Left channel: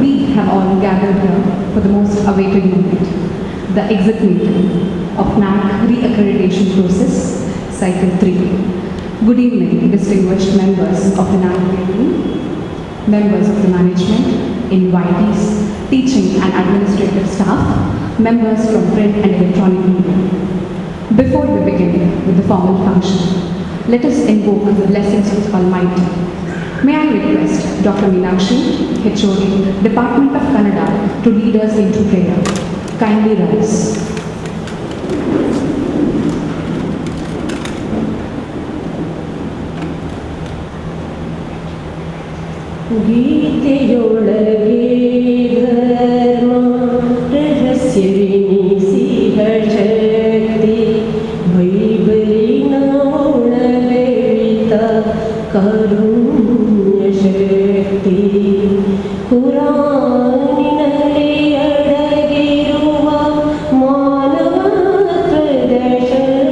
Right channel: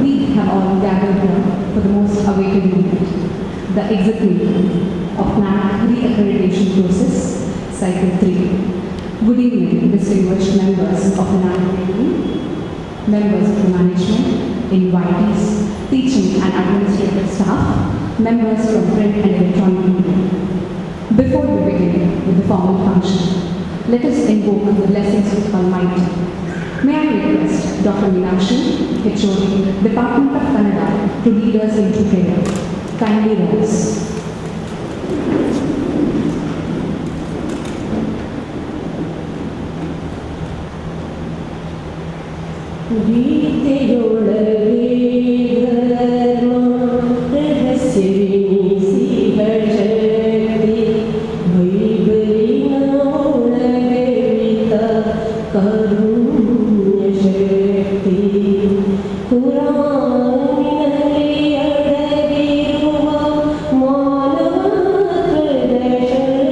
We have all gathered here for the most awaited moment, the exit meeting of NAAC re-accreditation process, Cycle 3. Good evening, distinguished members of the NAAC committee, members of the management, invitees, teaching and administrative staff, members from print and electronic media. Before we begin with the formal function, let us invoke the blessings of the Almighty. May I request Dr. Meenakshi, HOD, Department of Kannada, to lead us into prayer. Kindly rise. Puraniನಲ್ಲಿ ಅಡಗಿರುವ ಮಾನವ ಪ್ರದರ್ಶನ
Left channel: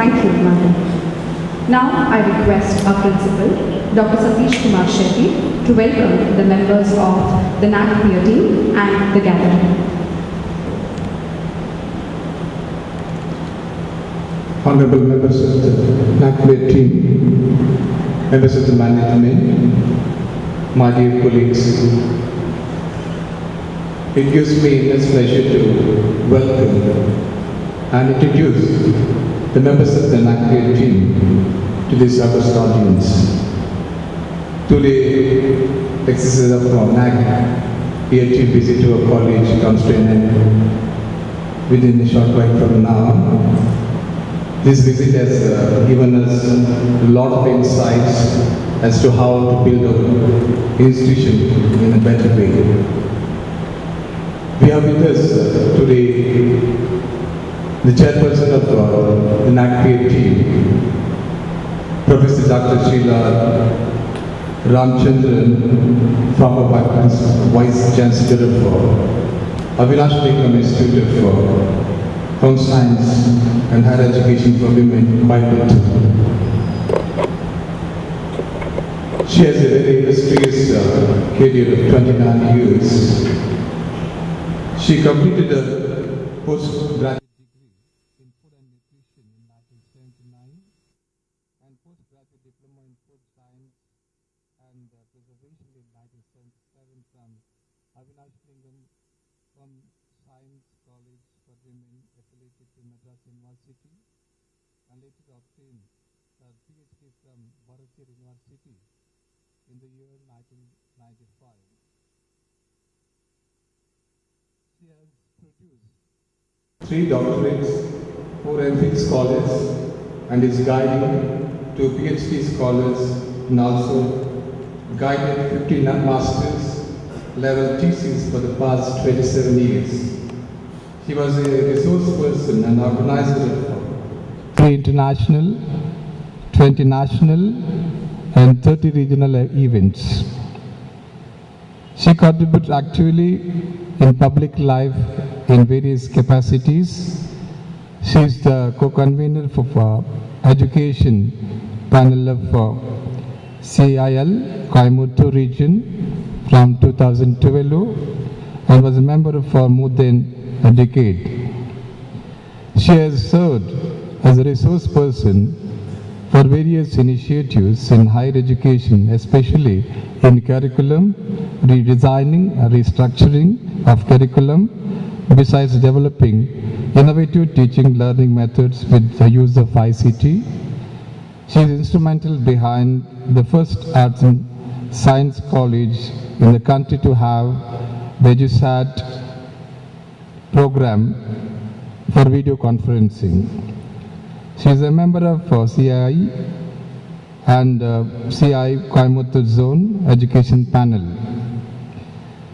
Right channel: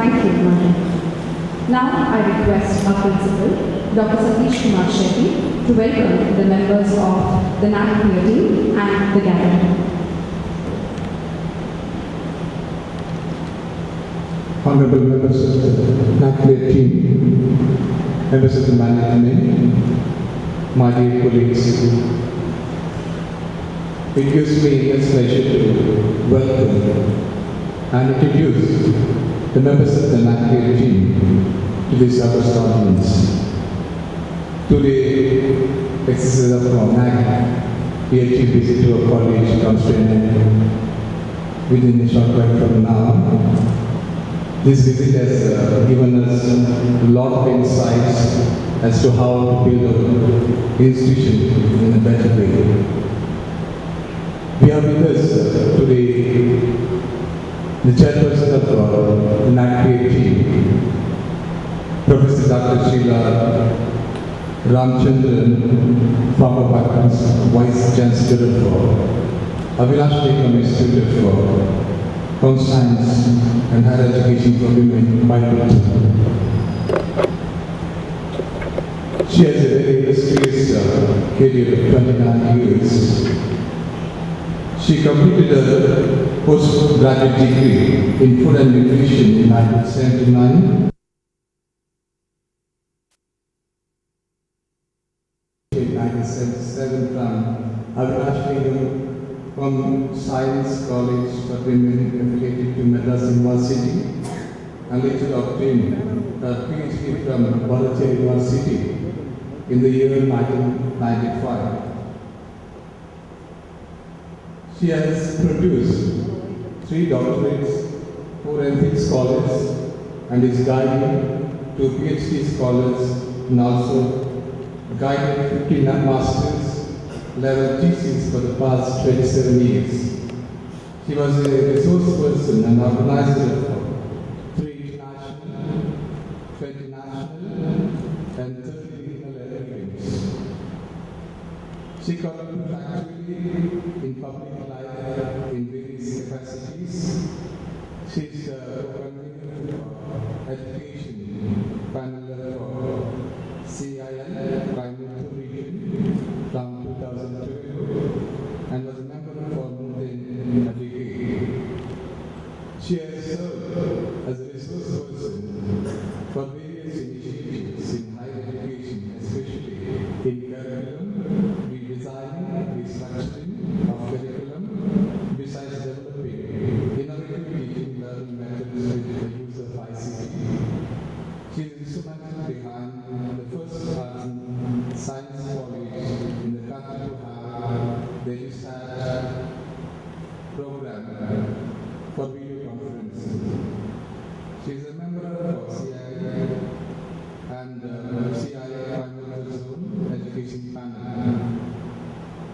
Thank you, Madam. Now I request our principal, Dr. Satish Kumar Shetty, to welcome the members of the NAAC peer team and the gathering. Honorable members of the NAAC peer team, members of the management, my dear colleagues, it gives me immense pleasure to welcome and introduce the members of the NAAC team to this august audience. Today, exercise of our NAAC peer team visit to our college comes to an end within a short while from now. This visit has given us a lot of insights as to how to build our institution in a better way. We have with us today the chairperson of the NAAC peer team, Professor Dr. Sheila Ramchandran, former Vice Chancellor for Avinash Nikam Institute for Home Science and Higher Education for Women, Coimbatore. She has a very illustrious career of 29 years. She completed a postgraduate degree in food and nutrition in 1979 and postgraduate diploma in food science and preservation in 1977 from Avinash Nikam from Science College for Women affiliated to Madras University, and later obtained a PhD from Bharatiya University in the year 1995. She has produced 3 doctorates, 4 MPhil scholars, and is guiding 2 PhD scholars and also guided 15 masters level thesis for the past 27 years. He was a resource person and organizer of 3 international, 20 national and 30 regional events. She contributed actively in public life in various capacities. She is the co-convener for education panel of CIL, Coimbatore region, from 2012 and was a member for more than a decade. She has served as a resource person for various initiatives in higher education, especially in curriculum, redesigning and restructuring of curriculum, besides developing innovative teaching learning methods with the use of ICT. She is instrumental behind the first arts and science college in the country to have the EduSat program for video conferencing. She is a member of CII and CII Coimbatore Zone Education Panel.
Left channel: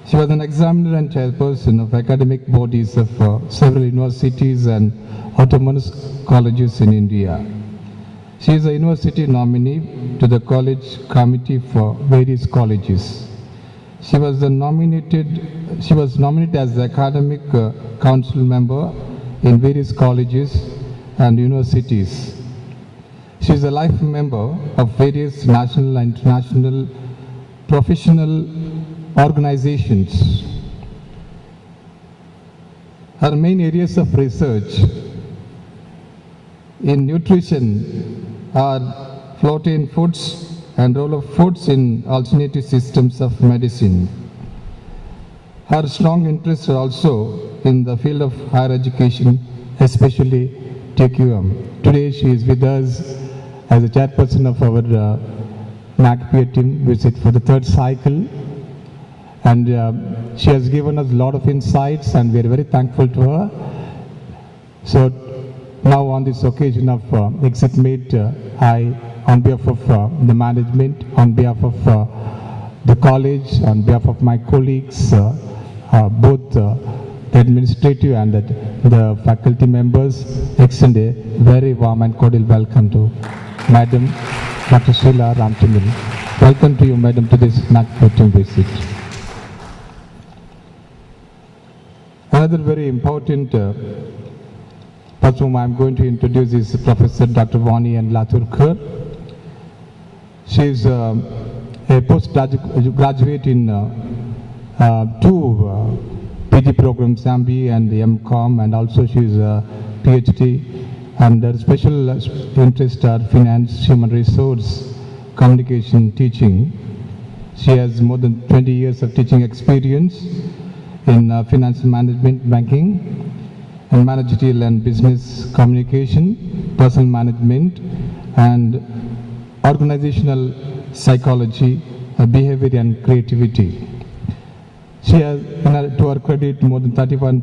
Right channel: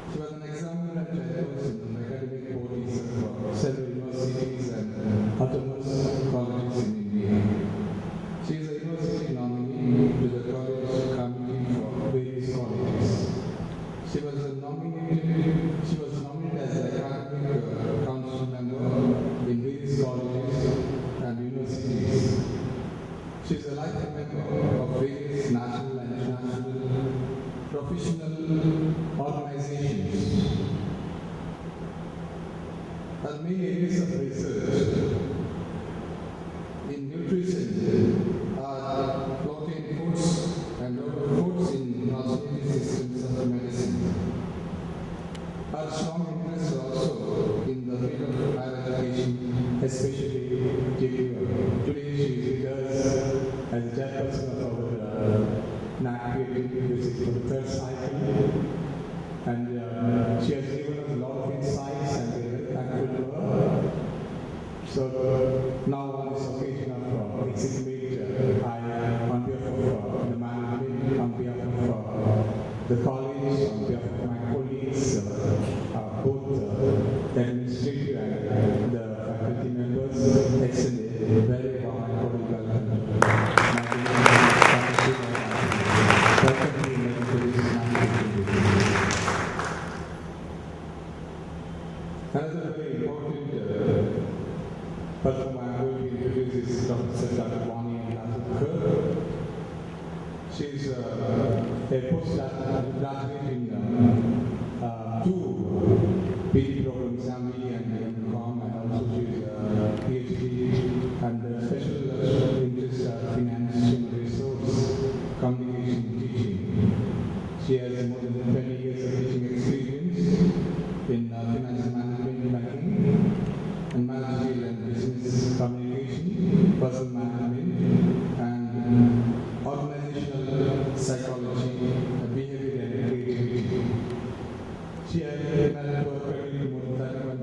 She was an examiner and chairperson of academic bodies of several universities and autonomous colleges in India. She is a university nominee to the college committee for various colleges. She was nominated as the academic council member in various colleges and universities. She is a life member of various national and international professional organizations. Her main areas of research in nutrition are protein foods and role of foods in alternative systems of medicine. Her strong interests are also in the field of higher education, especially TQM. Today she is with us as a chairperson of our NAAC peer team visit for the 3rd cycle, and she has given us a lot of insights and we are very thankful to her. So now on this occasion of exit meet, I, on behalf of the management, on behalf of the college, on behalf of my colleagues, both the administrative and the faculty members, extend a very warm and cordial welcome to Madam Dr. Sheila Ramchandran. Welcome to you, Madam, to this NAAC visit. Another very important first whom I am going to introduce is Professor Dr. Vani and Laturkar. She is a postgraduate in two PG programs, MBA and MCOM, and also she is a PhD. And her special interests are finance, human resource, communication, teaching. She has more than 20 years of teaching experience in financial management, banking, and managerial and business communication, personal management, and organizational psychology, behavior and creativity. She has, to her credit, more than 31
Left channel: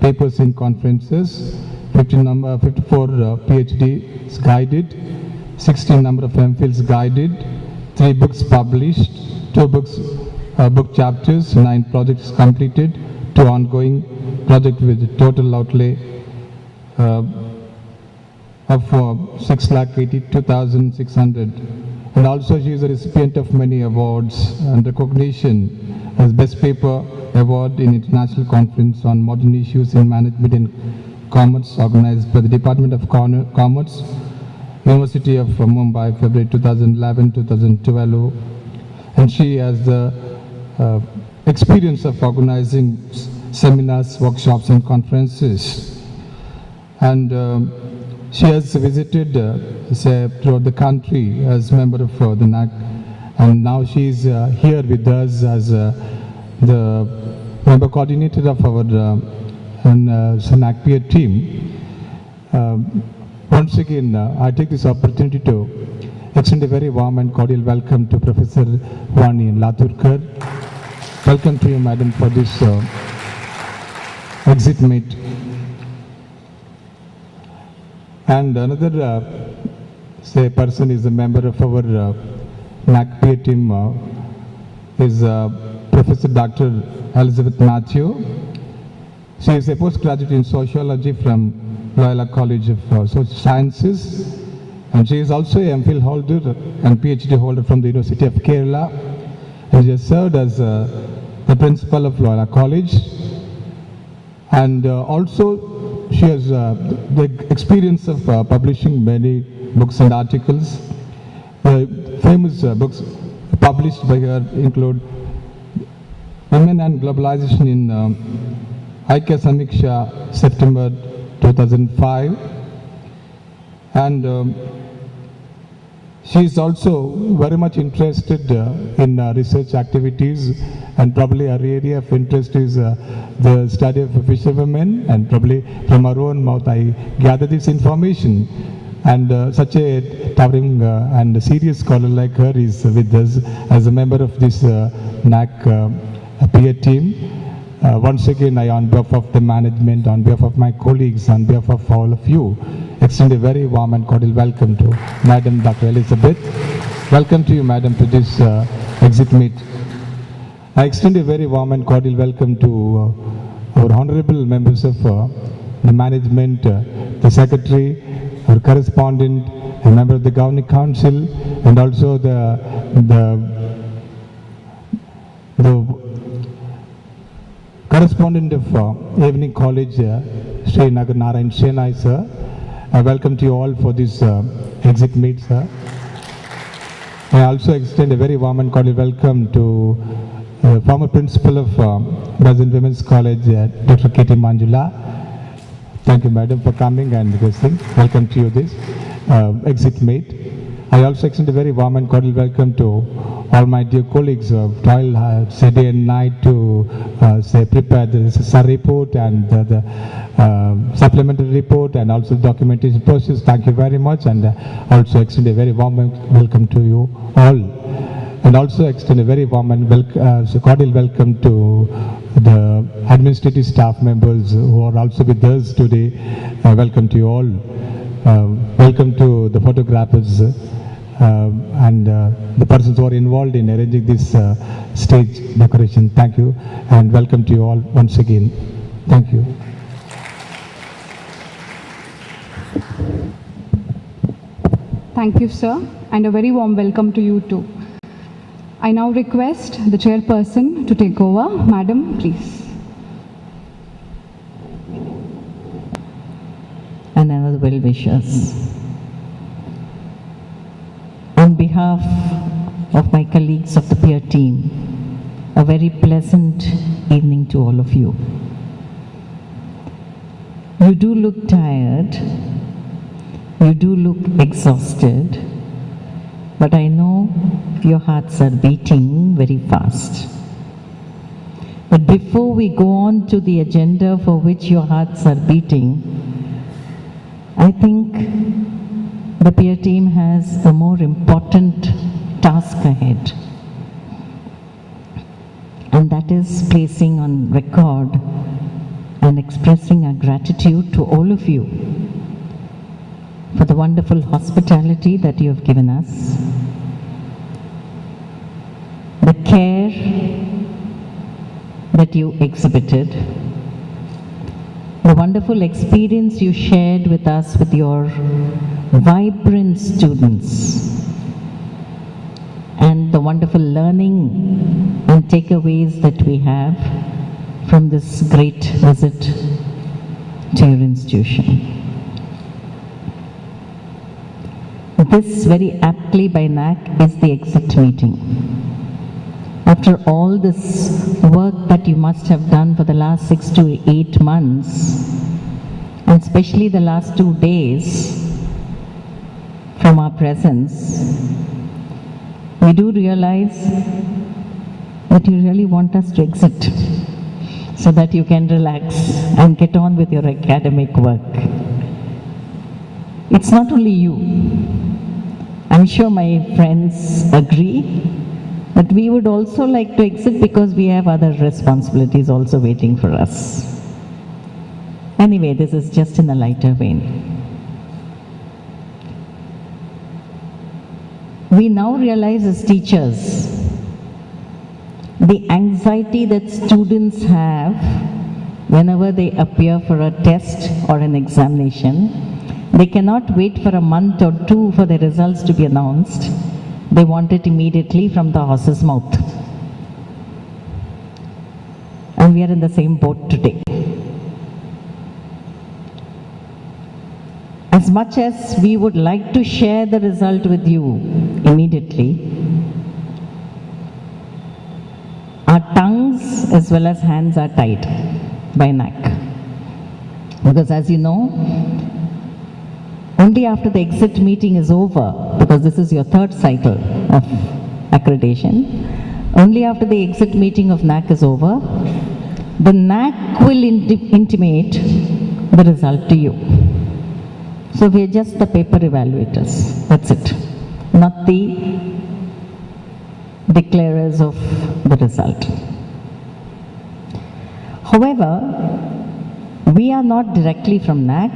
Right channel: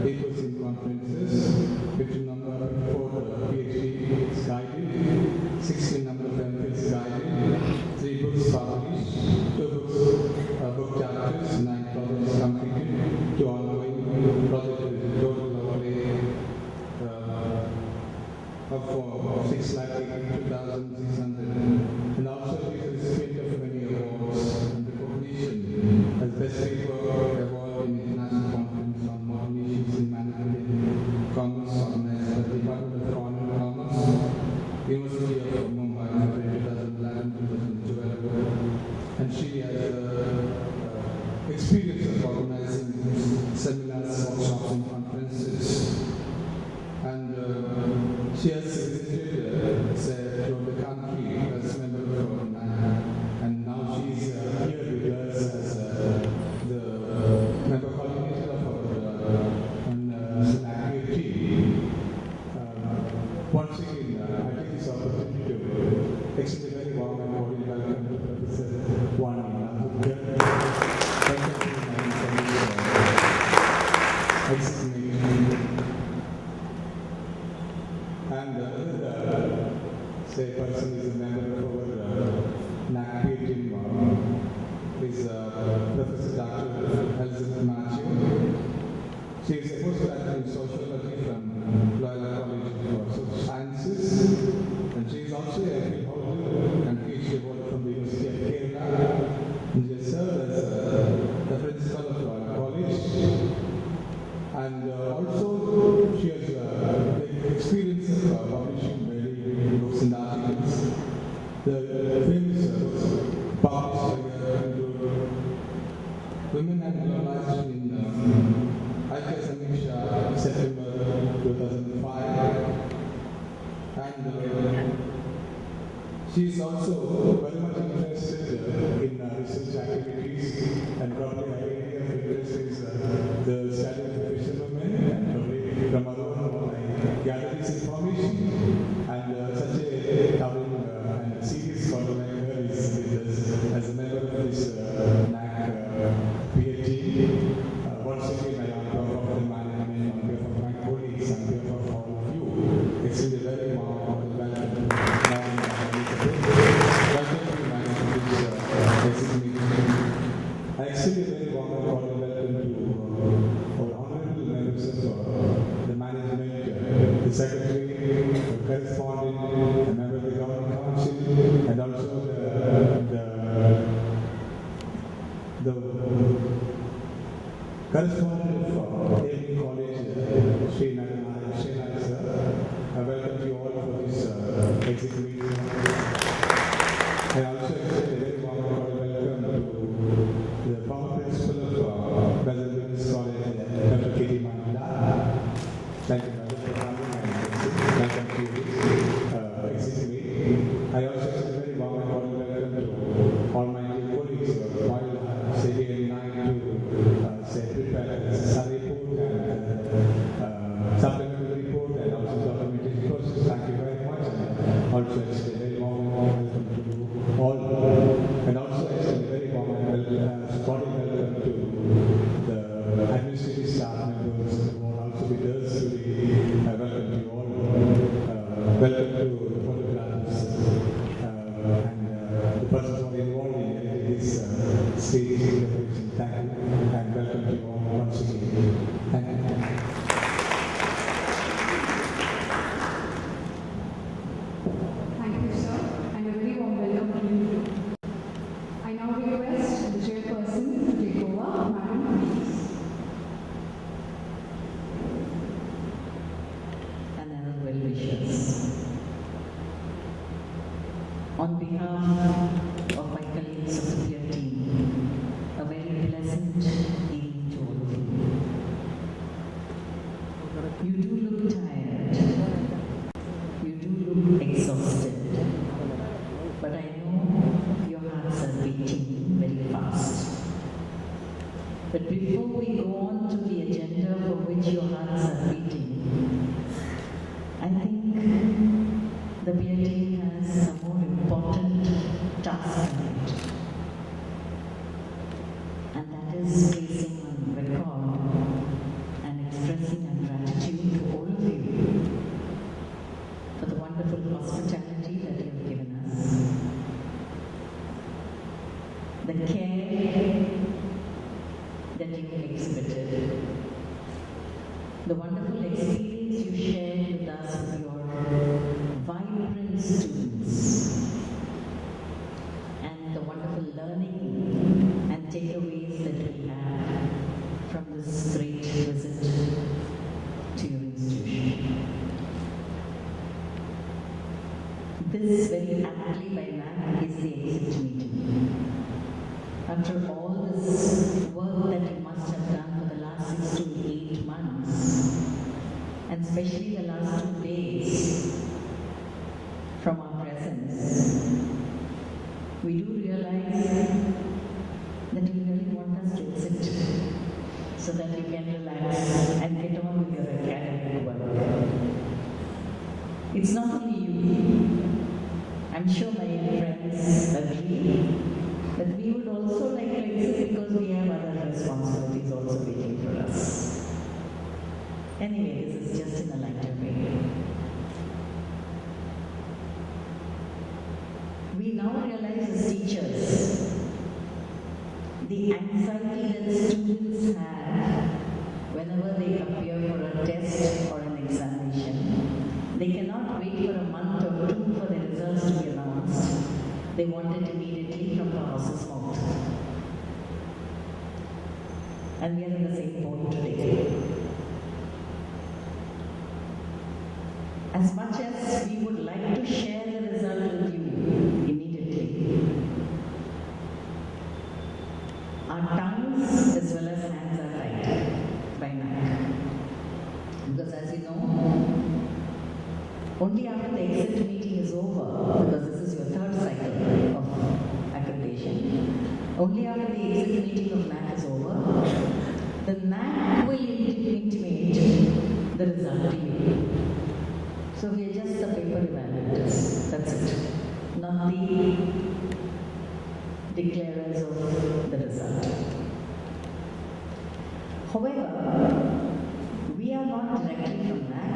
papers in conferences, 54 PhDs guided, 16 number of MPhils guided, 3 books published, 2 books, book chapters, 9 projects completed, 2 ongoing projects with total outlay of 6,82,600. And also she is a recipient of many awards and recognition as Best Paper Award in International Conference on Modern Issues in Management and Commerce organized by the Department of Commerce, University of Mumbai, February 2011-2012. And she has the experience of organizing seminars, workshops and conferences. And she has visited throughout the country as member of the NAAC, and now she is here with us as the member coordinator of our NAAC peer team. Once again, I take this opportunity to extend a very warm and cordial welcome to Professor Vani Laturkar. Welcome to you, Madam, for this exit meet. And another person is a member of our NAAC peer team is Professor Dr. Elizabeth Matthew. She is a postgraduate in sociology from Loyola College of Social Sciences, and she is also a MPhil holder and PhD holder from the University of Kerala. And she has served as the principal of Loyola College, and also she has the experience of publishing many books and articles. Famous books published by her include Women and Globalization in Aikya Samiksha, September 2005. And she is also very much interested in research activities, and probably her area of interest is the study of fisherwomen, and probably from her own mouth I gather this information. And such a towering and serious scholar like her is with us as a member of this NAAC peer team. Once again, I, on behalf of the management, on behalf of my colleagues, on behalf of all of you, extend a very warm and cordial welcome to Madam Dr. Elizabeth. Welcome to you, Madam, to this exit meet. I extend a very warm and cordial welcome to our honorable members of the management, the secretary, our correspondent, a member of the governing council, and also the correspondent of Evening College, Sri Nagar Narayan Senai, sir. I welcome to you all for this exit meet, sir. I also extend a very warm and cordial welcome to the former principal of Brazilian Women's College, Dr. K.T. Manjula. Thank you, madam, for coming and listening. Welcome to you this exit meet. I also extend a very warm and cordial welcome to all my dear colleagues who toil day and night to prepare the SAR report and the supplementary report and also documentation process. Thank you very much, and also extend a very warm welcome to you all. And also extend a very warm and cordial welcome to the administrative staff members who are also with us today. Welcome to you all. Welcome to the photographers and the persons who are involved in arranging this stage decoration. Thank you, and welcome to you all once again. Thank you. Thank you, sir, and a very warm welcome to you too. I now request the chairperson to take over. Madam, please. and another well-wishers. On behalf of my colleagues of the peer team, a very pleasant evening to all of you. You do look tired, you do look exhausted, but I know your hearts are beating very fast. But before we go on to the agenda for which your hearts are beating, I think the peer team has a more important task ahead. And that is placing on record and expressing our gratitude to all of you for the wonderful hospitality that you have given us, the care that you exhibited, the wonderful experience you shared with us with your vibrant students, and the wonderful learning and takeaways that we have from this great visit to your institution. This very aptly by NAAC is the exit meeting. After all this work that you must have done for the last 6 to 8 months, and especially the last 2 days from our presence, we do realize that you really want us to exit so that you can relax and get on with your academic work. It's not only you. I'm sure my friends agree, but we would also like to exit because we have other responsibilities also waiting for us. Anyway, this is just in a lighter vein. We now realize as teachers the anxiety that students have whenever they appear for a test or an examination. They cannot wait for a month or 2 for the results to be announced. They want it immediately from the horse's mouth. And we are in the same boat today. As much as we would like to share the result with you immediately, our tongues as well as hands are tied by NAAC. Because as you know, only after the exit meeting is over, because this is your 3rd cycle of accreditation, only after the exit meeting of NAAC is over, the NAAC will intimate the result to you. So we are just the paper evaluators, that's it, not the declarers of the result. However, we are not directly from NAAC,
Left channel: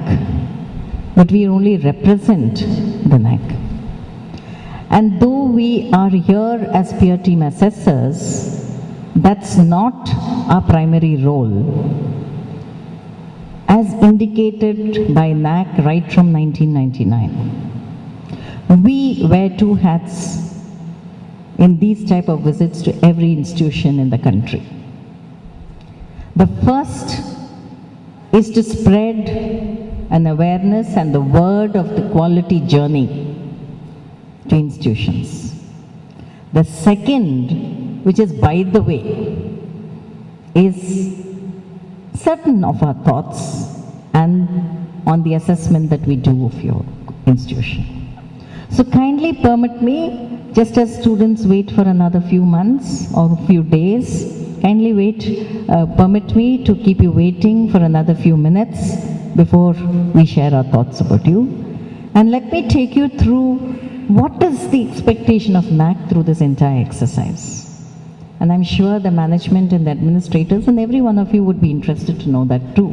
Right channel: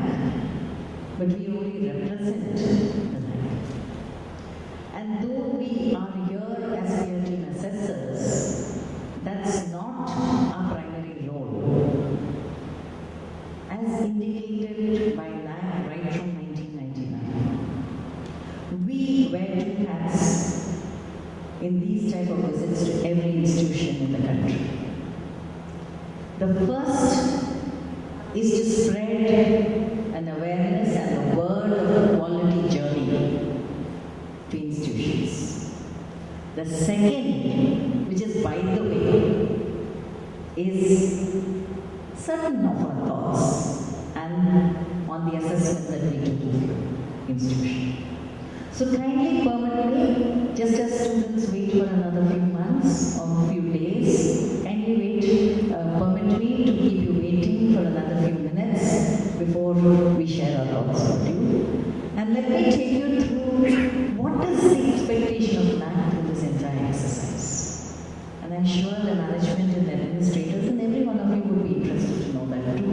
but we only represent the NAAC. And though we are here as peer team assessors, that's not our primary role. As indicated by NAAC right from 1999, we wear 2 hats in these type of visits to every institution in the country. The first is to spread an awareness and the word of the quality journey to institutions. The second, which is by the way, is certain of our thoughts and on the assessment that we do of your institution. So kindly permit me, just as students wait for another few months or few days, kindly wait, permit me to keep you waiting for another few minutes before we share our thoughts about you. And let me take you through what is the expectation of NAAC through this entire exercise. And I'm sure the management and the administrators and every one of you would be interested to know that too.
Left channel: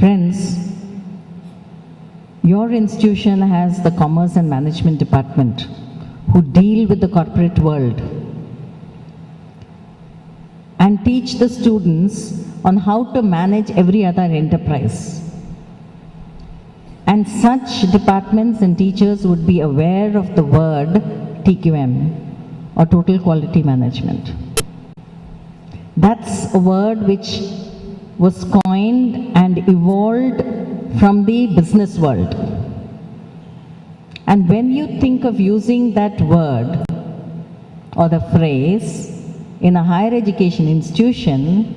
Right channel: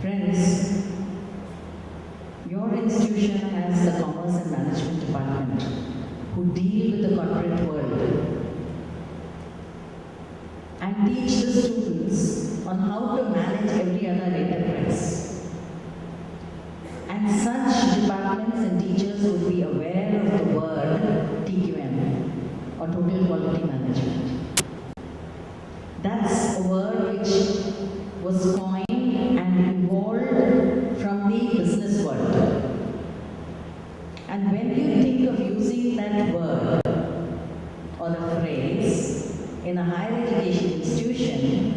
Friends, your institution has the Commerce and Management Department who deal with the corporate world and teach the students on how to manage every other enterprise. And such departments and teachers would be aware of the word TQM or Total Quality Management. That's a word which was coined and evolved from the business world. And when you think of using that word or the phrase in a higher education institution,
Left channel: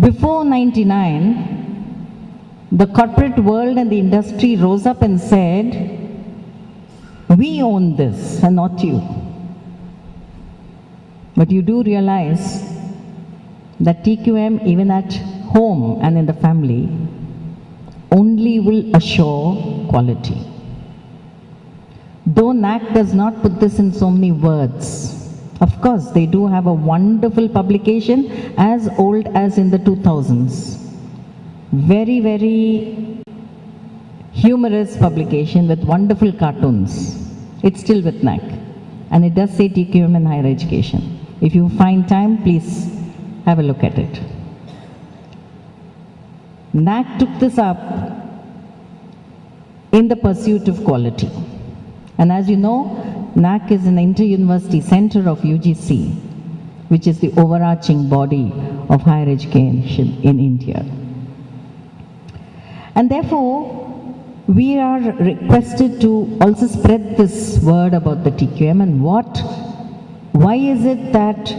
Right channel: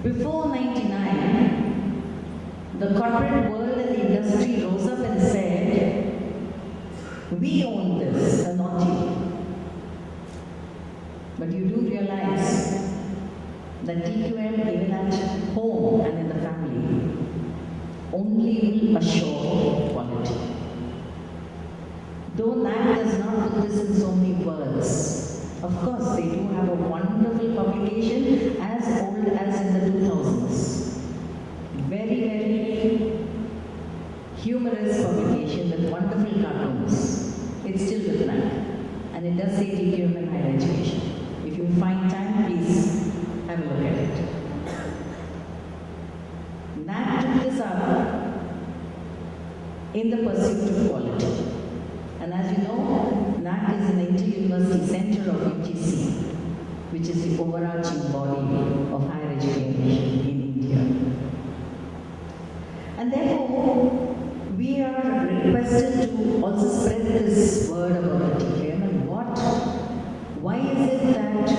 before 99, the corporate world and the industry rose up and said, we own this and not you. But you do realize that TQM, even at home and in the family, only will assure quality. Though NAAC does not put this in so many words, of course they do have a wonderful publication as old as in the 2000s. Very, very humorous publication with wonderful cartoons. It's still with NAAC, and it does say TQM in higher education. If you find time, please have a look at it. NAAC took this up in the pursuit of quality. And as you know, NAAC is an inter-university center of UGC, which is the overarching body of higher education in India. And therefore, we are requested to also spread this word about the TQM and why is it that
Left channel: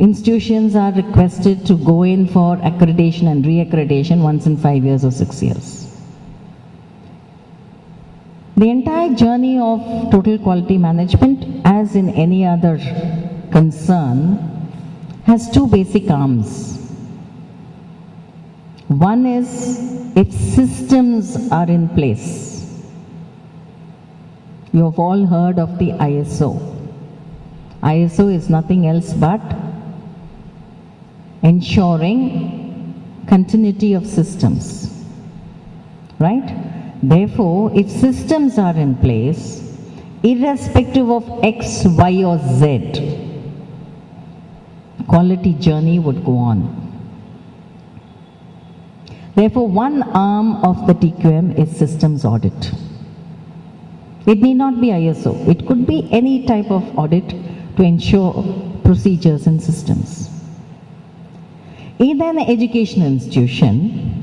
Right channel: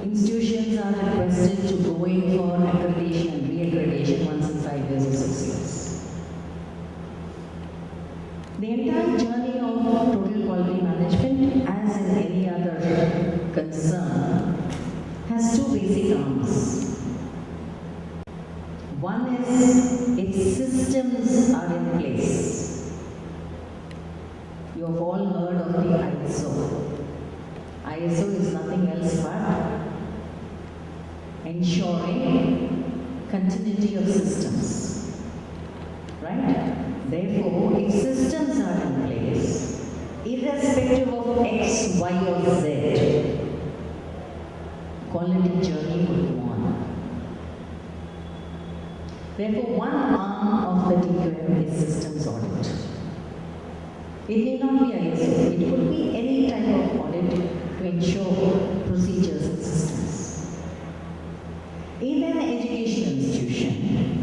institutions are requested to go in for accreditation and re-accreditation once in 5 years or 6 years. The entire journey of total quality management, as in any other concern, has two basic arms. One is if systems are in place. You have all heard of the ISO. ISO is nothing else but ensuring continuity of systems, right? Therefore, if systems are in place, irrespective of X, Y or Z, quality journey would go on. Therefore, one arm of the TQM is systems audit. It need not be ISO, it could be any type of audit to ensure procedures and systems. In an educational institution,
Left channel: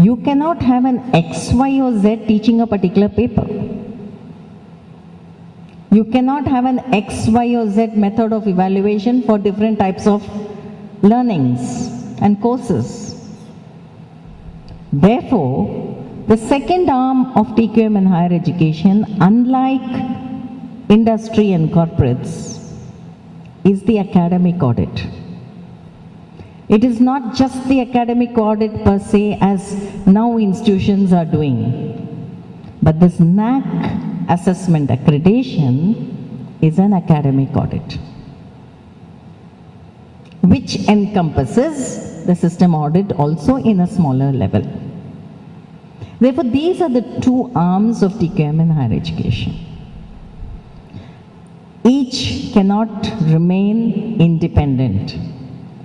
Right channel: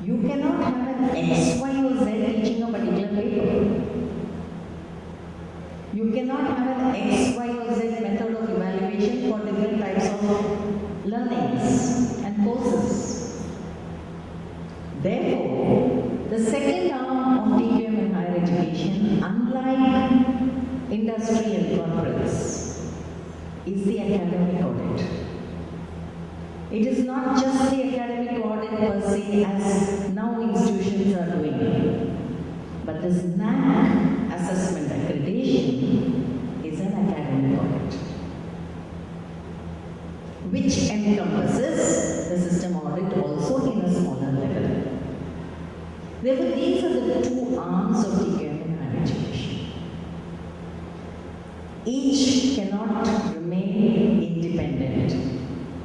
you cannot have an X, Y or Z teaching a particular paper. You cannot have an X, Y or Z method of evaluation for different types of learnings and courses. Therefore, the second arm of TQM in higher education, unlike industry and corporates, is the academic audit. It is not just the academic audit per se as now institutions are doing, but this NAAC assessment accreditation is an academic audit, which encompasses the system audit also in a smaller level. Therefore, these are the two arms of TQM in higher education. Each cannot remain independent.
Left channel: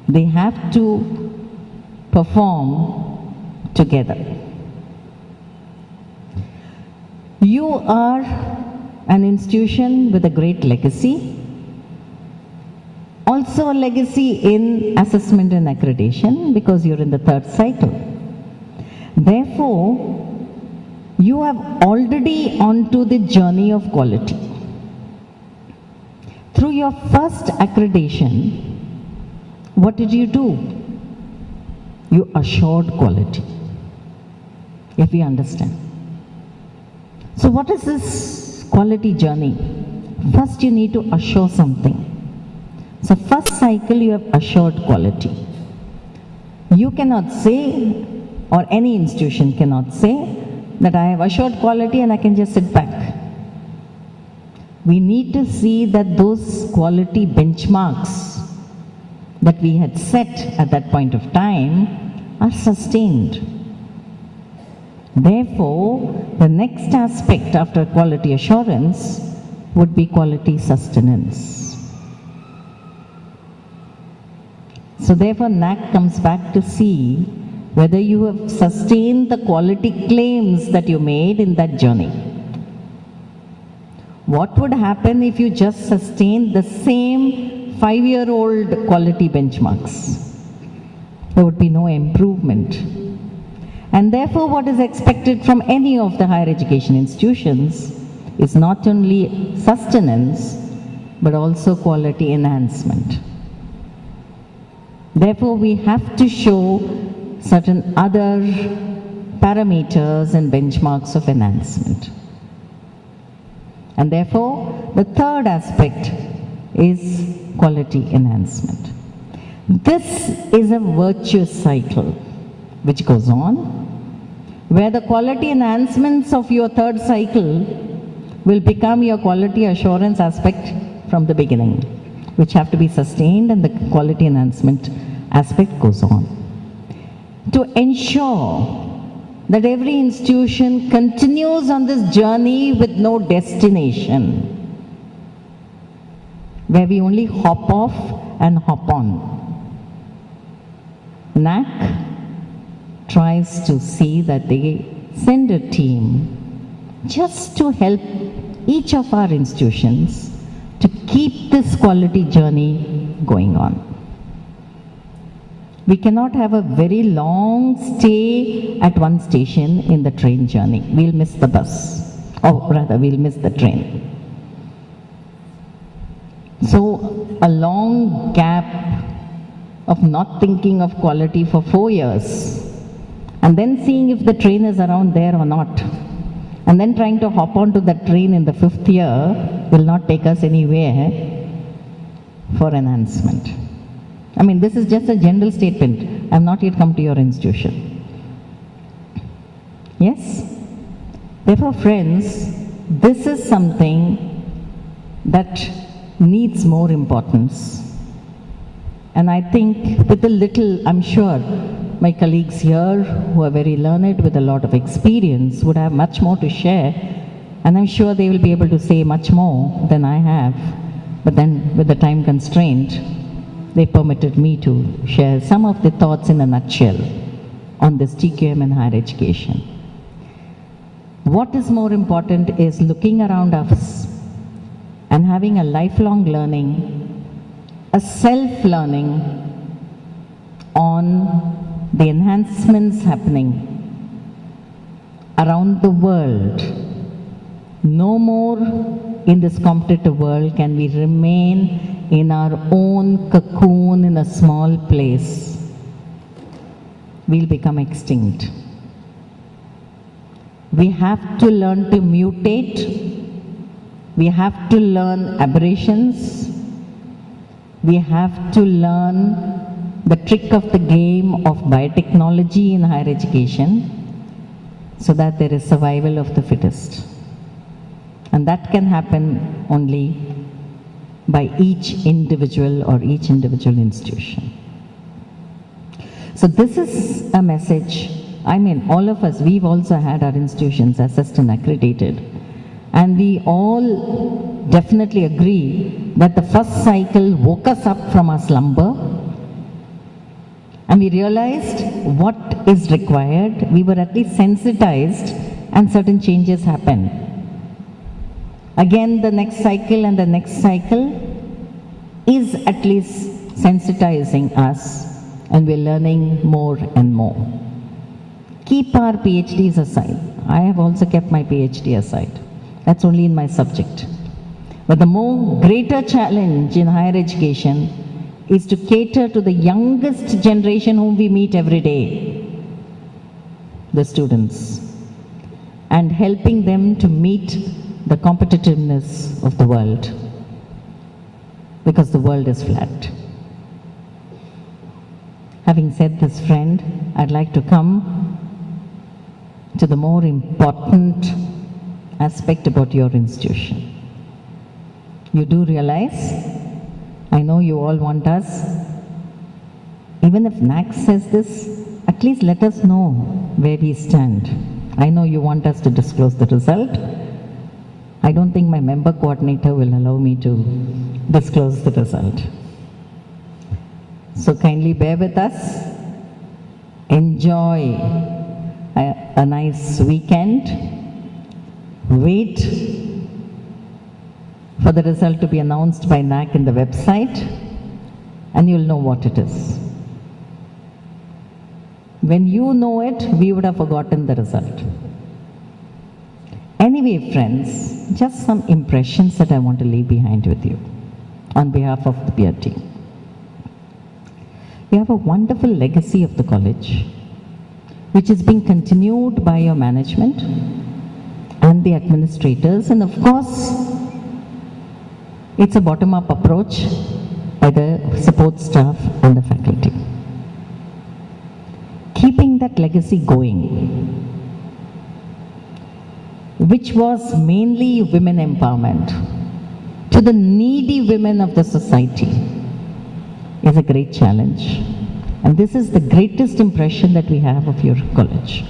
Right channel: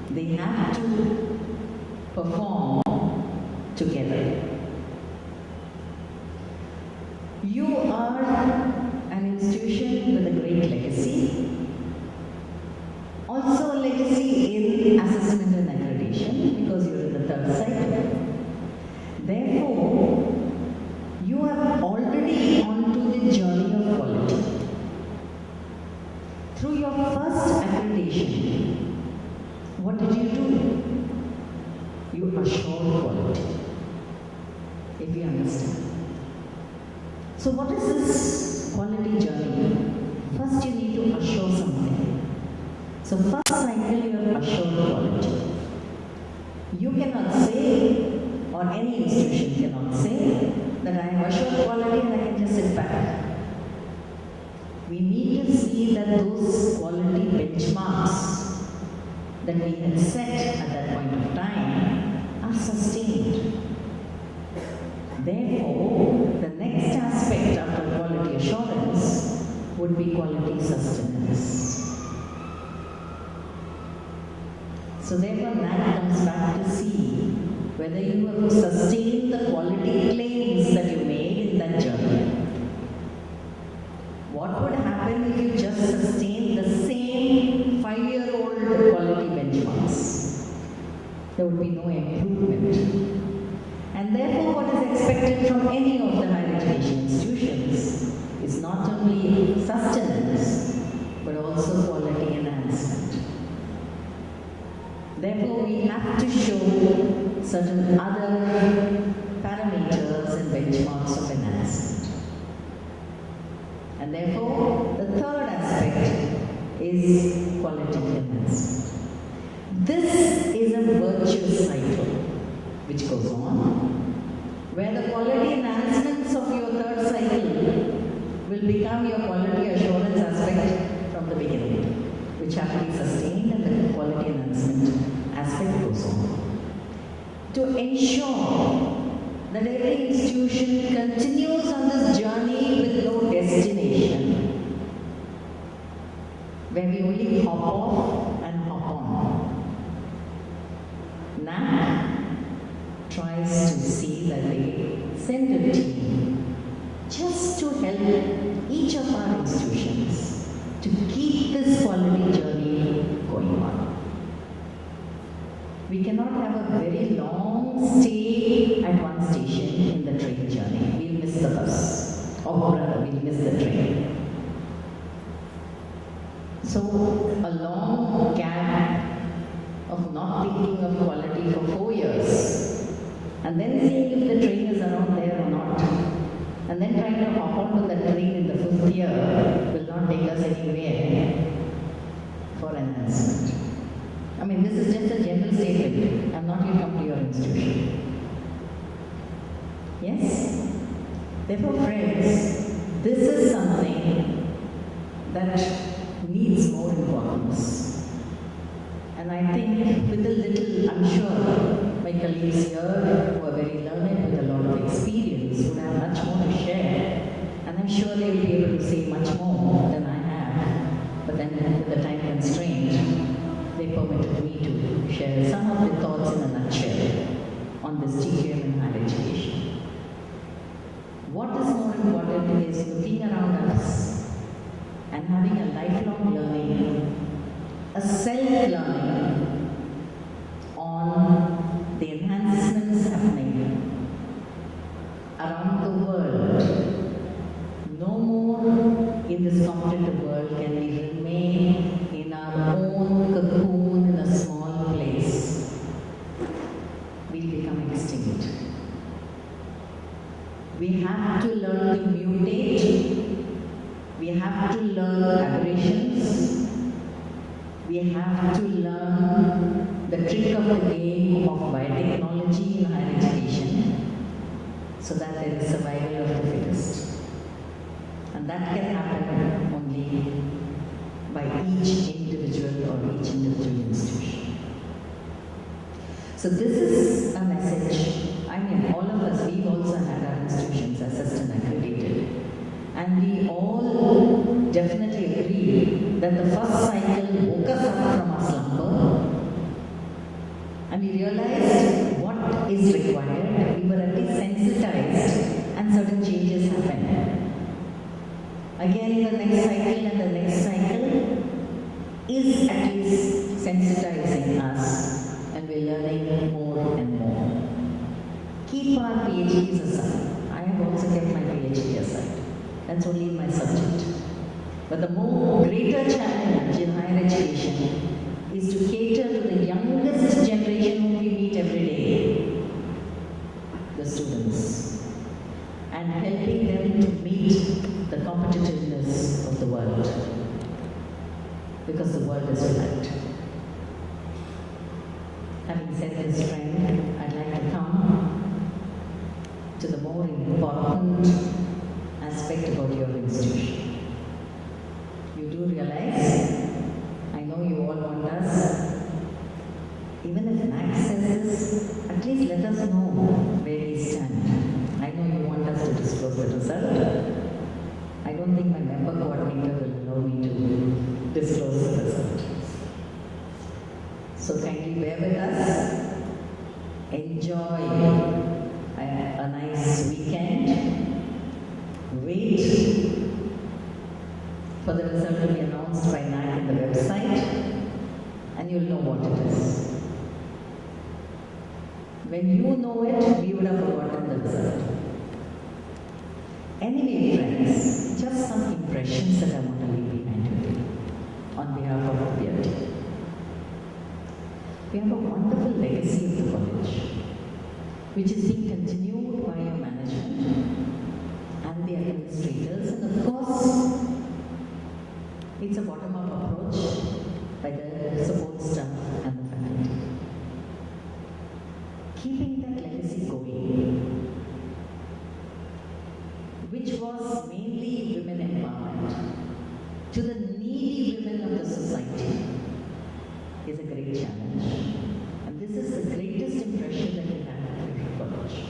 They have to perform together. You are an institution with a great legacy, also a legacy in assessment and accreditation because you're in the third cycle. Therefore, you have already onto the journey of quality. Through your first accreditation, what did you do? You assured quality, if we understand. So what is this quality journey? First you need to assure something. So first cycle you have assured quality. You cannot say, or any institution cannot say, that I have assured quality and I can just sit back. We need to see that those quality benchmarks that we had set at that point of time are sustained. Therefore, the next aspect after quality assurance would be quality sustenance. So therefore, NAAC comes back to see whether you have sustained the quality claims that you made in that journey. What would happen if you just sustained the same 5-year-old quality benchmarks? There would be no improvement. And therefore, what is expected from any of the higher education institutions is not only sustenance, but also quality enhancement. Therefore, we have to show certain other parameters and benchmarks of enhancement. And therefore, the third aspect is quality enhancement. This is a virtuous cycle which goes on, where the quality enhancements of your third cycle will become your quality assurance aspect from the beginning, which have to be sustained, and the quality enhancement aspect goes on. To ensure that every institution continues on this journey with no destination, where we only hop off and hop on. NAAC tries to see that they send a team just to help each of our institutions to keep this quality journey going on. We cannot have a very long stay at one station in the train journey. We'll miss the bus, or rather we'll miss the train. So a long gap of not thinking of quality for 4 years, and then seeing if the train is around there or not, and then trying to hop onto that train in the 5th year will not take us anywhere for enhancement. I mean, this is just a general statement. I have not yet come to your institution. Yes? Therefore, friends, this is something that needs more importance. And I think with a little, I'm sure my colleagues here who are very learned with a lot of experience would have much more to share. And I'm sure they will be able to say much more than I have. But then with the time constraint, they permitted me to share some of the thoughts in a nutshell on this TQM and higher education. What is more important is looking around us and having a lifelong learning, a self-learning on the enhancements happening around the world. No more in this competitive world can we remain in our own cocoon in a small place. We'll become extinct. We have to learn to mutate. We have to learn aberrations. We have to learn the trick of the game of biotechnology in higher education so that there is survival of the fittest. And that can happen only by each individual or each individual institution. So this is a message. I mean, all of us, we've also had our institutions assessed and accredited. And we all definitely agree that the first cycle woke us up from our slumber and we realized what is required. We were at least sensitized and certain changes happened. Again, the next cycle and the next cycle is at least sensitizing us, and we're learning more and more. Keep our PhDs aside. I have also kept my PhD aside. That's only in my subject. But the more greater challenge in higher education is to cater to the youngest generation whom we meet every day, the students, and helping them to meet the competitiveness of the world, because the world is flat. Having said this, friend, I'd like to come to the more important aspect about your institution. You do realize, I know you all want us, even if NAAC says this, at least let us know where we stand. I know you want us to disclose the result. I don't think my member coordinator will allow me to disclose the result. So kindly bear with us. Enjoy a nice weekend. Wait for the result to be announced by NAAC in the website, and you'll know what it is. when you know it, we would have forgotten the result. Anyway, friends, just some impressions that I want to leave behind with you on behalf of the peer team. We have a wonderful legacy of the college, which is being continued by your management and the administrators, and of course, it's a bottom-up approach by the support staff and the faculty. Keeping that legacy going, which was mainly women empowerment to the needy women of the society, is a great challenge. And this is the greatest impression that we have of your college,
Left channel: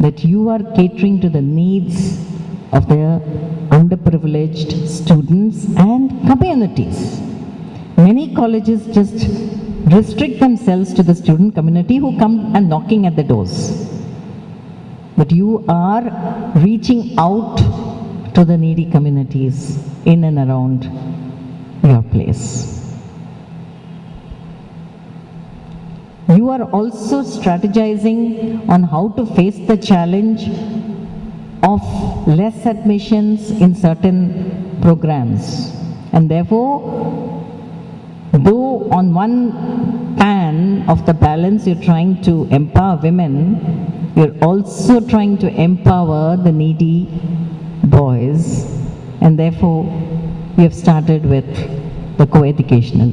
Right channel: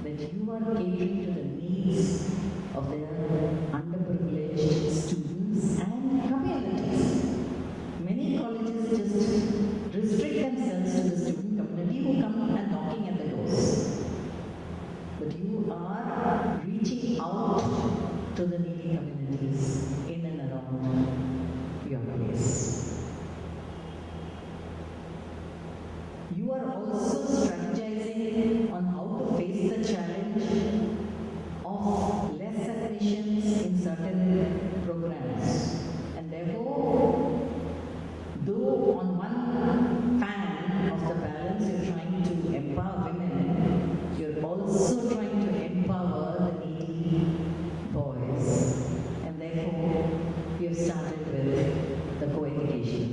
that you are catering to the needs of the underprivileged students and communities. Many colleges just restrict themselves to the student community who come and knocking at the doors. But you are reaching out to the needy communities in and around your place. You are also strategizing on how to face the challenge of less admissions in certain programs. And therefore, though on one pan of the balance you're trying to empower women, you're also trying to empower the needy boys, and therefore we have started with the co-educational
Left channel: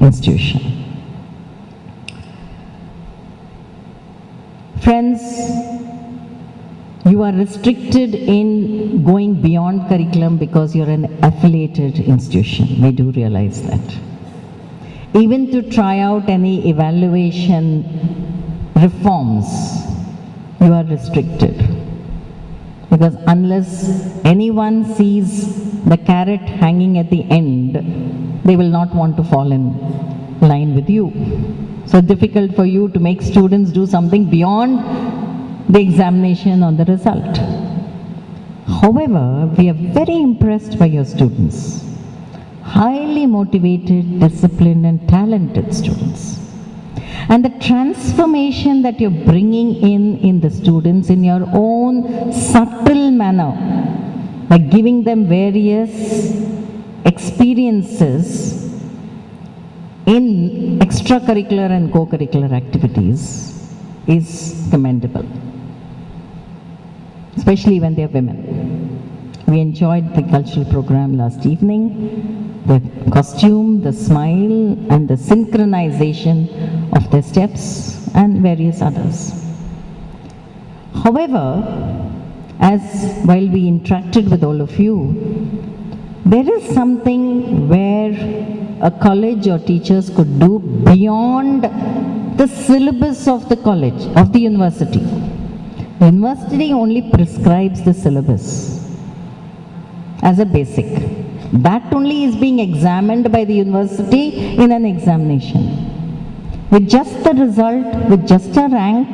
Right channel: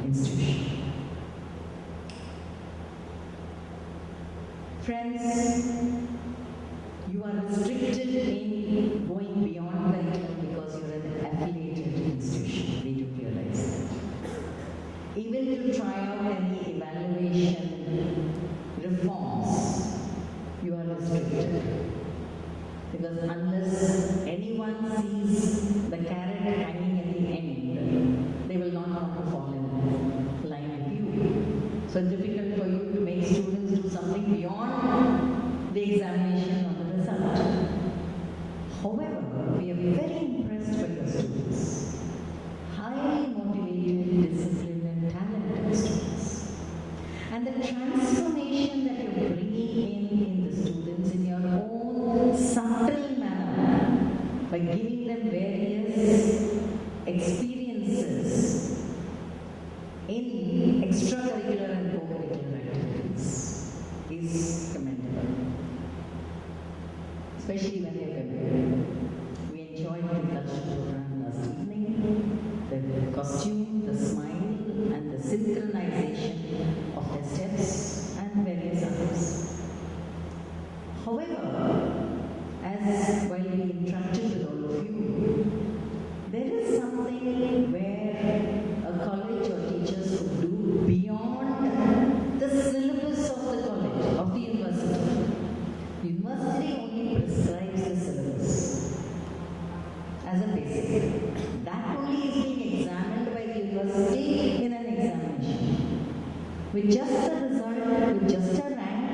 institution. Friends, you are restricted in going beyond curriculum because you're an affiliated institution. We do realize that. Even to try out any evaluation reforms, you are restricted. Because unless anyone sees the carrot hanging at the end, they will not want to fall in line with you. So difficult for you to make students do something beyond the examination or the result. However, we are very impressed by your students. Highly motivated, disciplined and talented students. And the transformation that you're bringing in the students in your own subtle manner, by giving them various experiences in extracurricular and co-curricular activities, is commendable, especially when they're women. We enjoyed the cultural program last evening, the costume, the smile and the synchronization of their steps and various others. However, as while we interacted with all of you, there is something where a college or teachers could do beyond the syllabus of the college, of the university. The university only prescribes the syllabus as a basic. That only is being examined by the university in an examination. With just the result, with just a rank,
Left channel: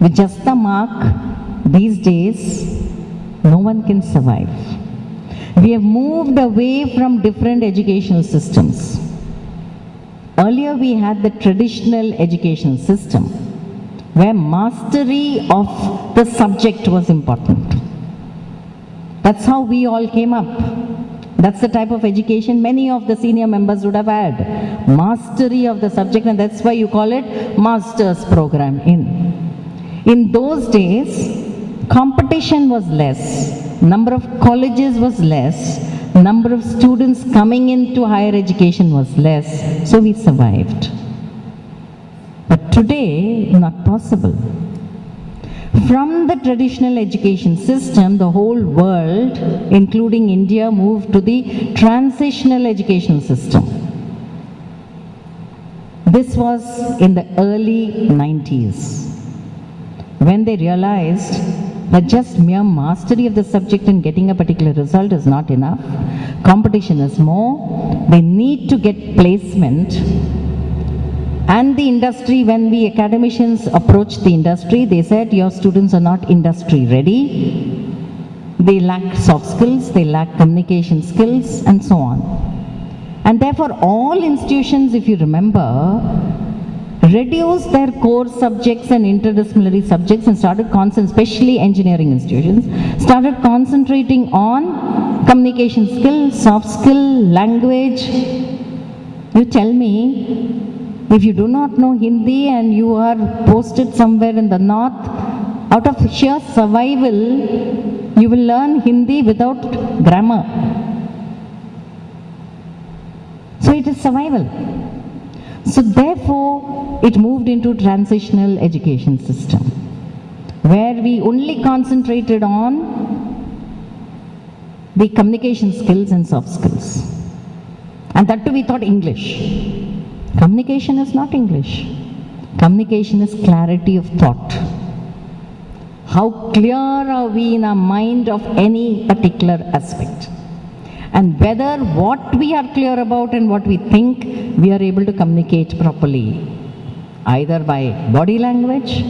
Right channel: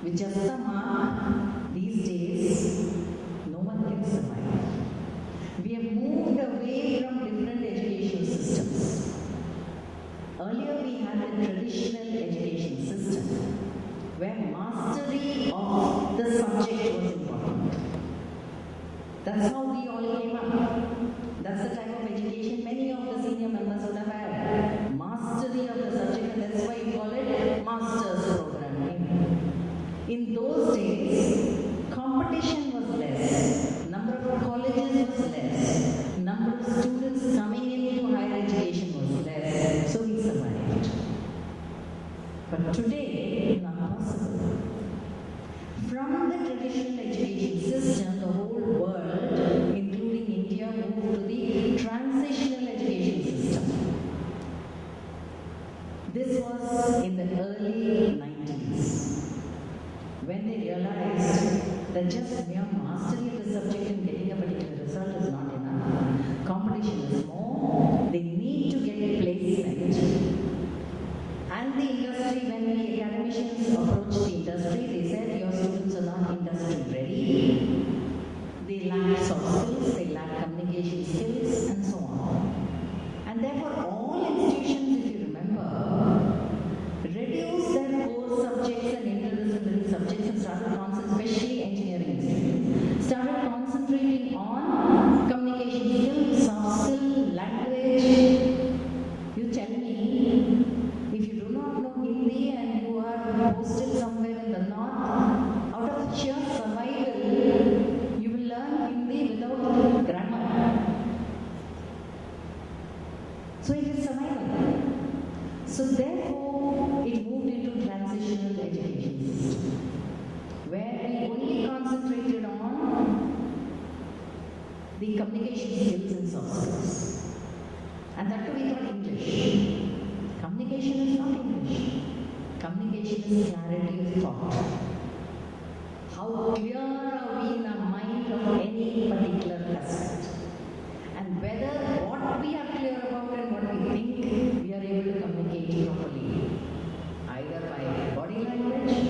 with just a mark, these days, no one can survive. We have moved away from different educational systems. Earlier we had the traditional education system, where mastery of the subject was important. That's how we all came up. That's the type of education many of the senior members would have had. Mastery of the subject, and that's why you call it master's program in those days, competition was less, number of colleges was less, number of students coming into higher education was less, so we survived. But today, not possible. From the traditional education system, the whole world, including India, moved to the transitional education system. This was in the early 90s, when they realized that just mere mastery of the subject and getting a particular result is not enough. Competition is more. They need to get placement. And the industry, when we academicians approached the industry, they said, your students are not industry ready. They lack soft skills, they lack communication skills, and so on. And therefore, all institutions, if you remember, reduced their core subjects and interdisciplinary subjects and started especially engineering institutions, started concentrating on communication skills, soft skill, language. You tell me, if you do not know Hindi and you are posted somewhere in the north, out of sheer survival, you will learn Hindi without grammar. So it is survival. So therefore, it moved into transitional education system, where we only concentrated on the communication skills and soft skills. And that too we thought English. Communication is not English. Communication is clarity of thought. How clear are we in our mind of any particular aspect? And whether what we are clear about and what we think, we are able to communicate properly, either by body language,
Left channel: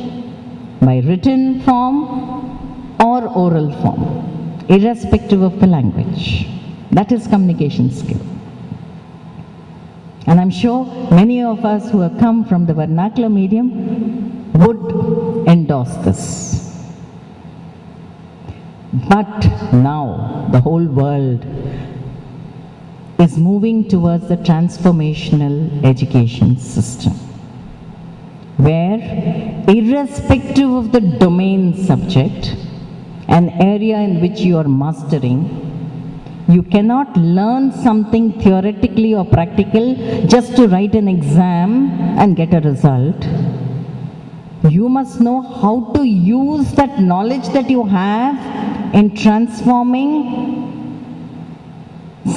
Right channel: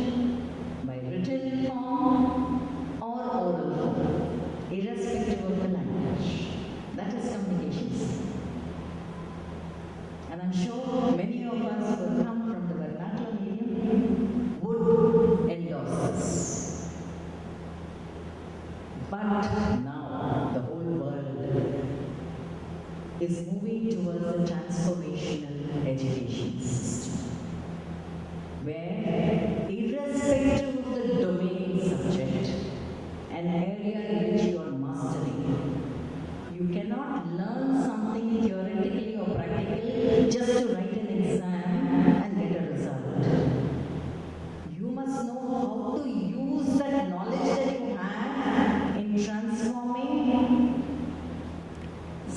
by written form, or oral form, irrespective of the language. That is communication skill. And I'm sure many of us who have come from the vernacular medium would endorse this. But now the whole world is moving towards the transformational education system, where irrespective of the domain subject, an area in which you are mastering, you cannot learn something theoretically or practical just to write an exam and get a result. You must know how to use that knowledge that you have in transforming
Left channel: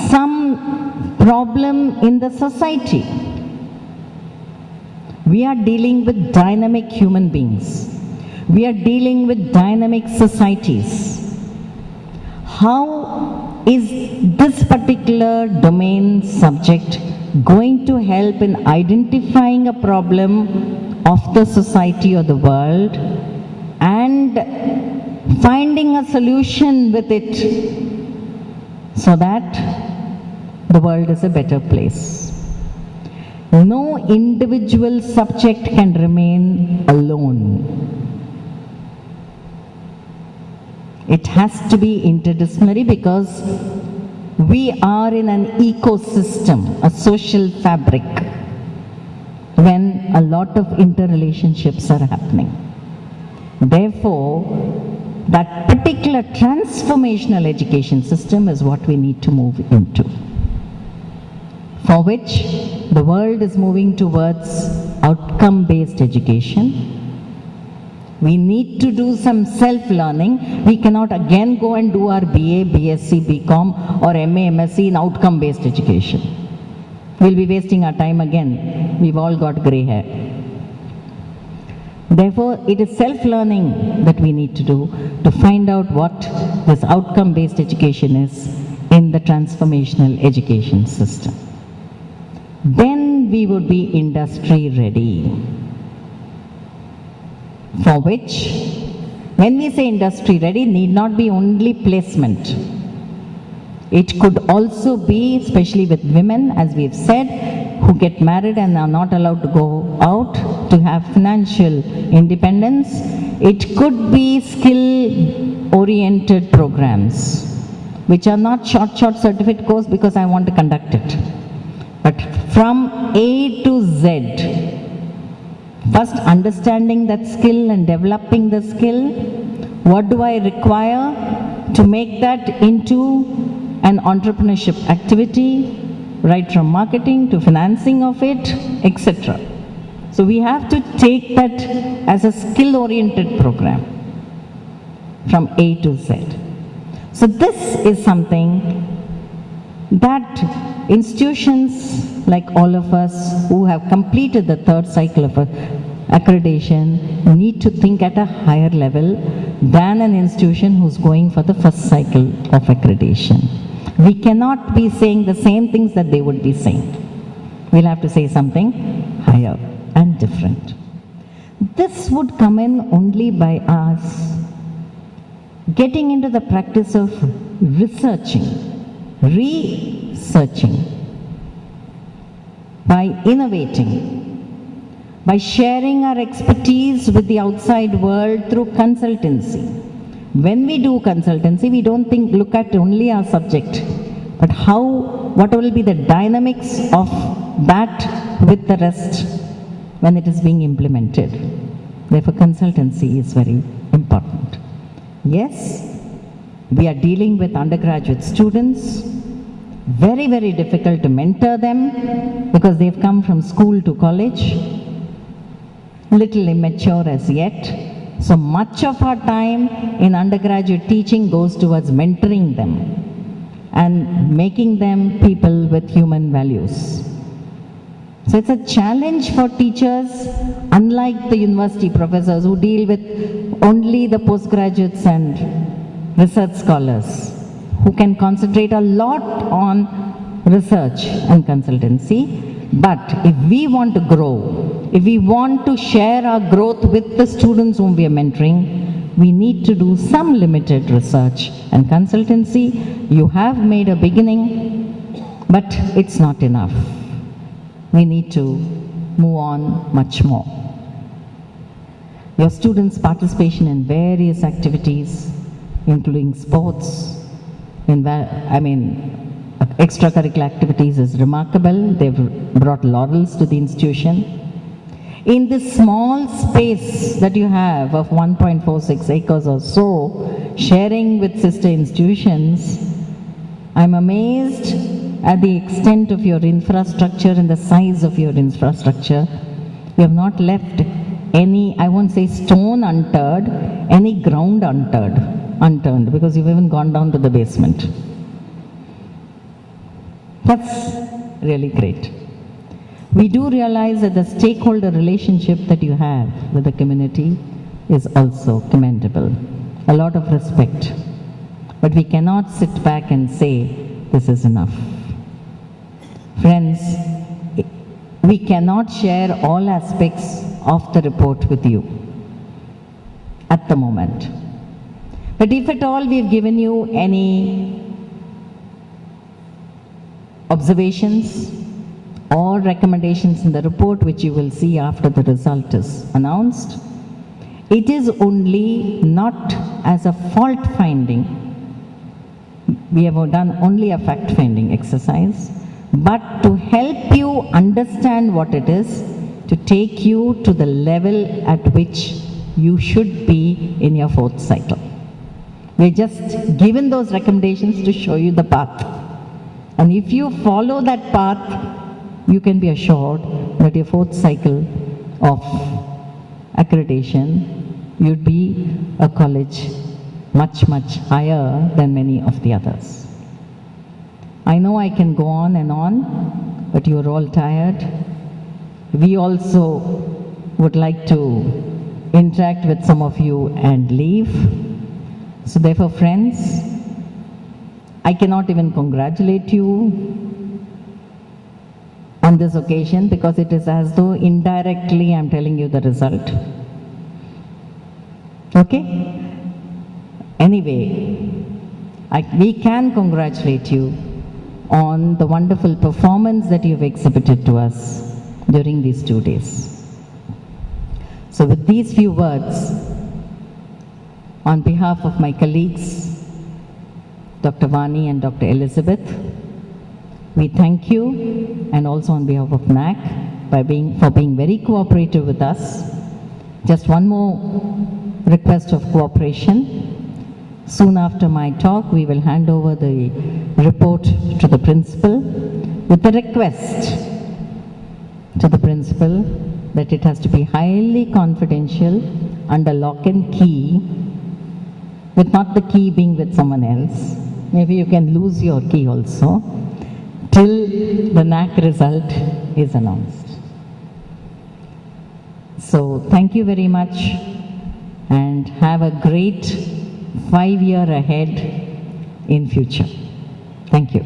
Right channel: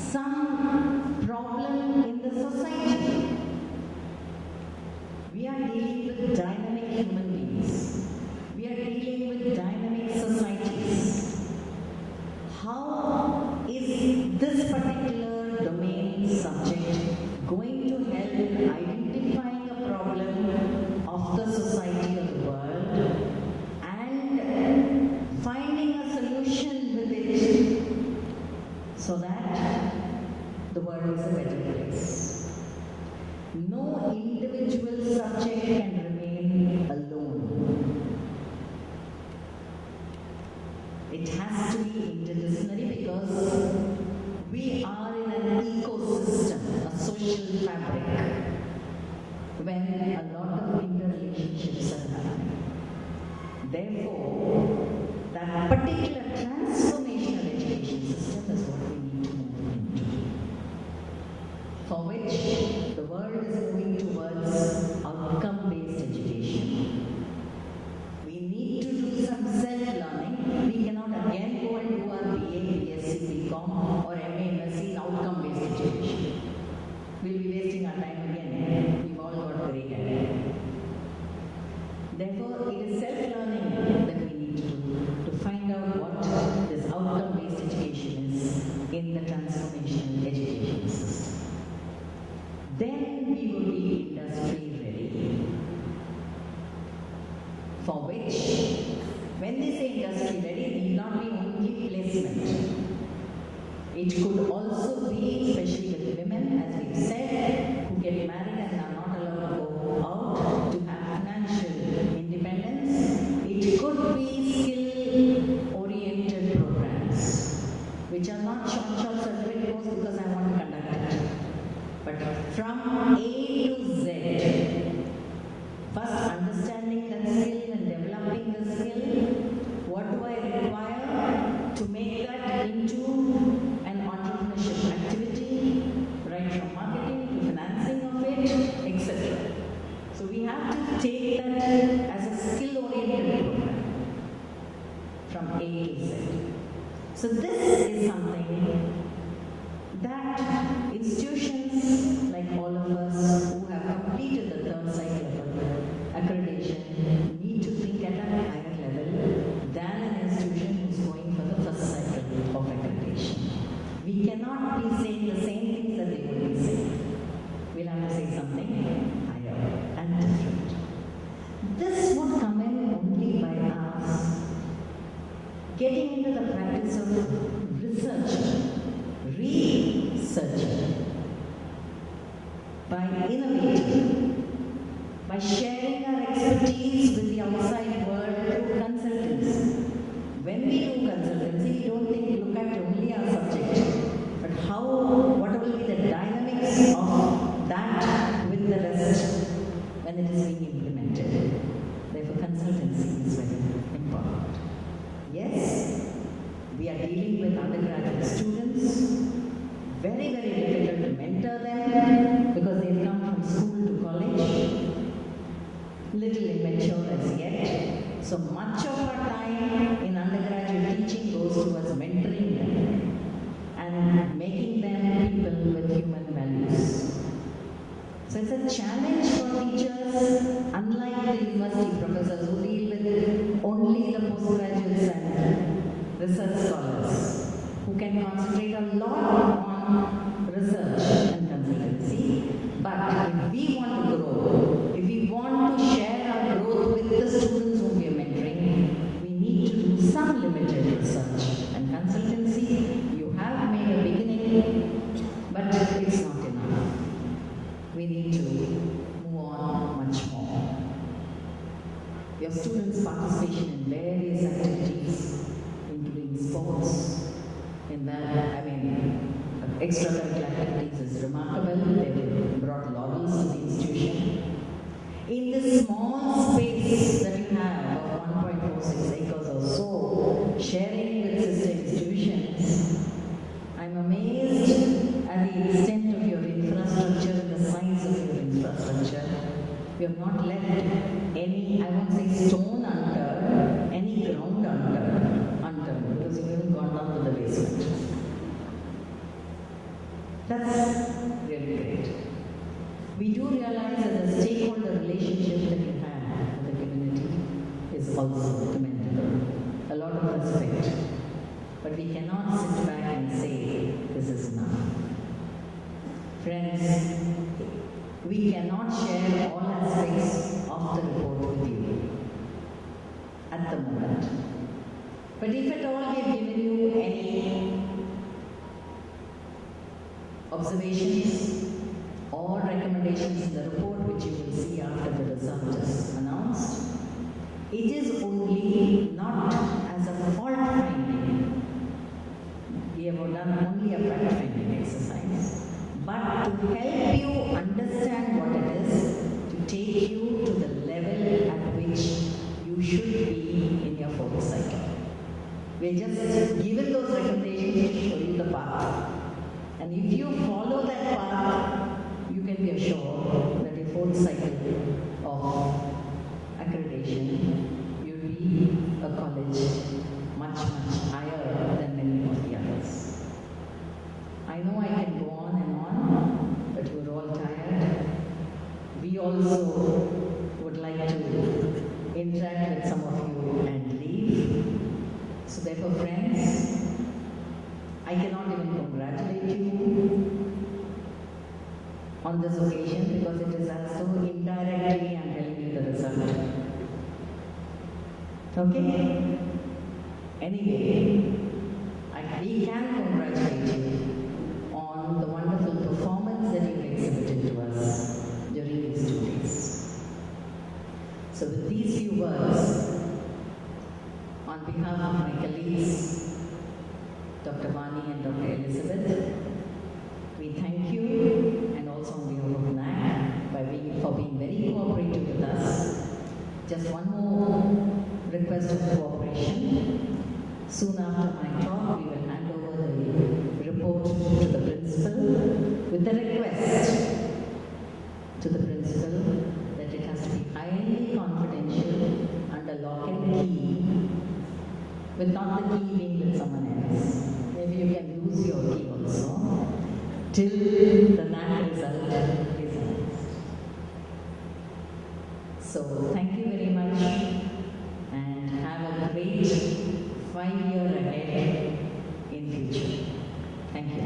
some problem in the society. We are dealing with dynamic human beings. We are dealing with dynamic societies. How is this particular domain subject going to help in identifying a problem of the society or the world and finding a solution with it so that the world is a better place? No individual subject can remain alone. It has to be interdisciplinary because we are in an ecosystem, a social fabric, when a lot of interrelationships are happening. Therefore, that particular transformational education system is what we need to move into, for which the world is moving towards outcome-based education. We need to do some self-learning. We cannot again go and do our BA, BSc, BCom or MA, MSc in outcome-based education. We'll be wasting our time again. We've all got grey hair. Therefore, it is self-learning that we need to do to find out what this outcome-based education is in the transformational education system. Then we would be industry ready. For which, when we say industry ready, need not be only placement. It could also be, especially with women, as we've said, who get married and are not allowed to go out to have financial independence. It could be skill-oriented programs, which are not short certificate course because I want to conduct it. But from A to Z, first understanding that skill and developing the skill, what do I require to make that into an entrepreneurship activity, right from marketing to financing of it, etc. So we have to take that as a skill-oriented program from A to Z. So this is something that institutions like all of us who have completed the third cycle of accreditation need to think at a higher level than an institution who's going for the first cycle of accreditation. We cannot be saying the same things that they would be saying. We'll have to say something higher and different. This would come in only by us getting into the practice of researching, by innovating, by sharing our expertise with the outside world through consultancy. When we do consultancy, we don't look at only our subject, but what will be the dynamics of that with the rest when it is being implemented. Therefore, consultancy is very important. Yes, we are dealing with undergraduate students. Very, very difficult to mentor them because they've come from school to college, little immature as yet. So much of our time in undergraduate teaching goes towards mentoring them and making them people with human values. So it's a challenge for teachers, unlike the university professors who deal with only the postgraduates and research scholars, who can concentrate a lot on research and consultancy. But if we want to grow, if we want to share our growth with the students whom we are mentoring, we need to do some limited research and consultancy. You have made a beginning, but it's not enough. We need to move on much more. Your students' participation in various activities, including sports, extracurricular activities is remarkable. They've brought laurels to the institution. In this small space that you have of 1.46 acres or so, sharing with sister institutions, I'm amazed at the extent of your infrastructure and the size of your infrastructure. You have not left any, I won't say stone unturned, any ground unturned, because you've even gone down to the basement. That's really great. We do realize that the stakeholder relationship that you have with the community is also commendable. A lot of respect. But we cannot sit back and say, this is enough. Friends, we cannot share all aspects of the report with you at the moment. But if at all we've given you any observations or recommendations in the report, which you will see after the result is announced, it is only not as a fault finding. We have done only a fact finding exercise, but to help you understand what it is, to take you to the level at which you should be in your fourth cycle. We're just given those recommendations to show you the path. And if you follow that path, you can be assured that your fourth cycle of accreditation, you'll be a college much, much higher than many of the others. I know I can go on and on, but you're all tired. We also would like to interact with some of you and leave. So therefore, friends, I cannot even congratulate you on this occasion because it is as though indirectly I'm telling you the result. Okay? Anyway, we can congratulate you on the wonderful performance that you've exhibited to us during these 2 days. So with these few words, on behalf of my colleagues, Dr. Vani and Dr. Elizabeth, we thank you, and also on behalf of NAAC for being very cooperative with us. Just one more request of cooperation. Soon after my talk, we will hand over the report to the principal with the request to the principal that it has to be highly confidential under lock and key, with not the key being with someone else. Maybe you can lose your key also, till the NAAC result is announced. So thank you very much and have a great 5-year ahead in future. Thank you.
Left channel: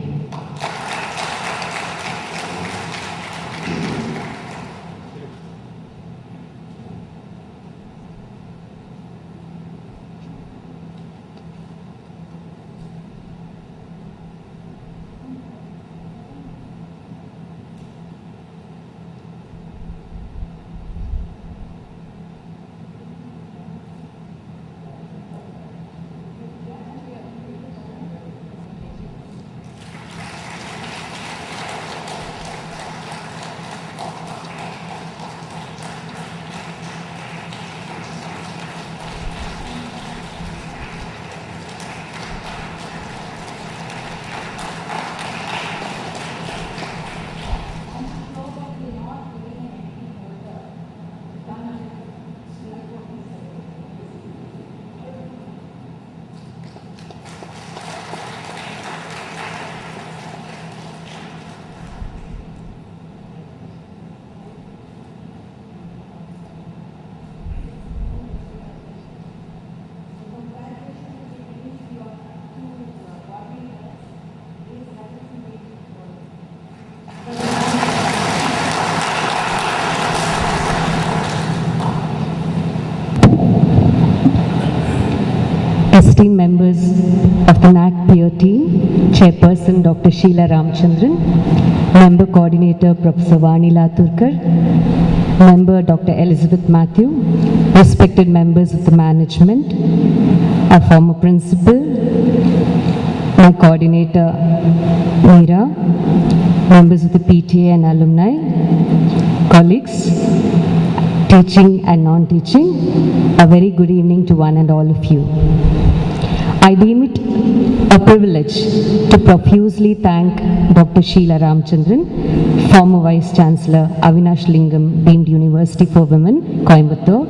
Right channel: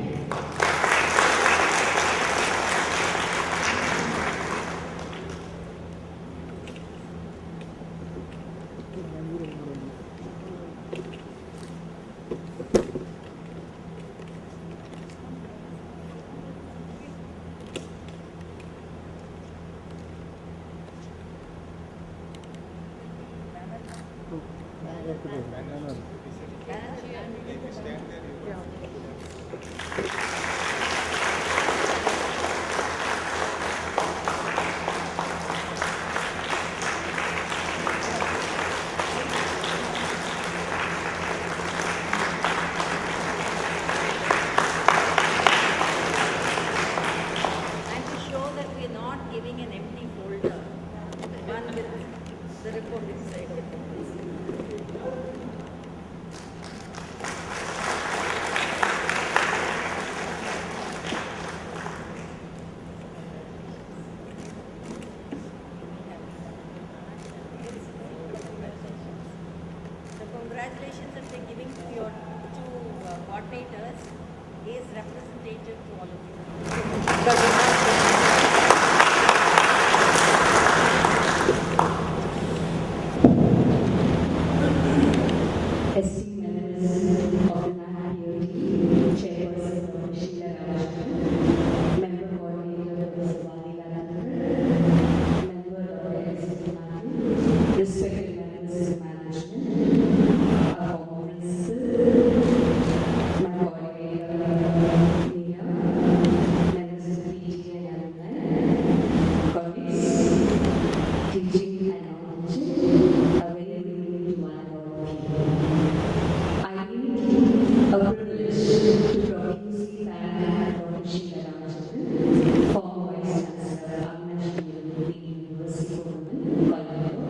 esteemed members of the NAAC peer team, Chairperson Dr. Sheila Ramchandran, Member Coordinator Professor Vani Laturkar, Member Dr. Elizabeth Matthew, respected members of the management, our former principal, my coordinator Meera, members of the PTA and alumni, colleagues, teaching and non-teaching, a very good evening to one and all of you. I deem it a privilege to profusely thank Dr. Sheila Ramchandran, former Vice Chancellor, Avinash Lingam Deemed University for Women, Coimbatore.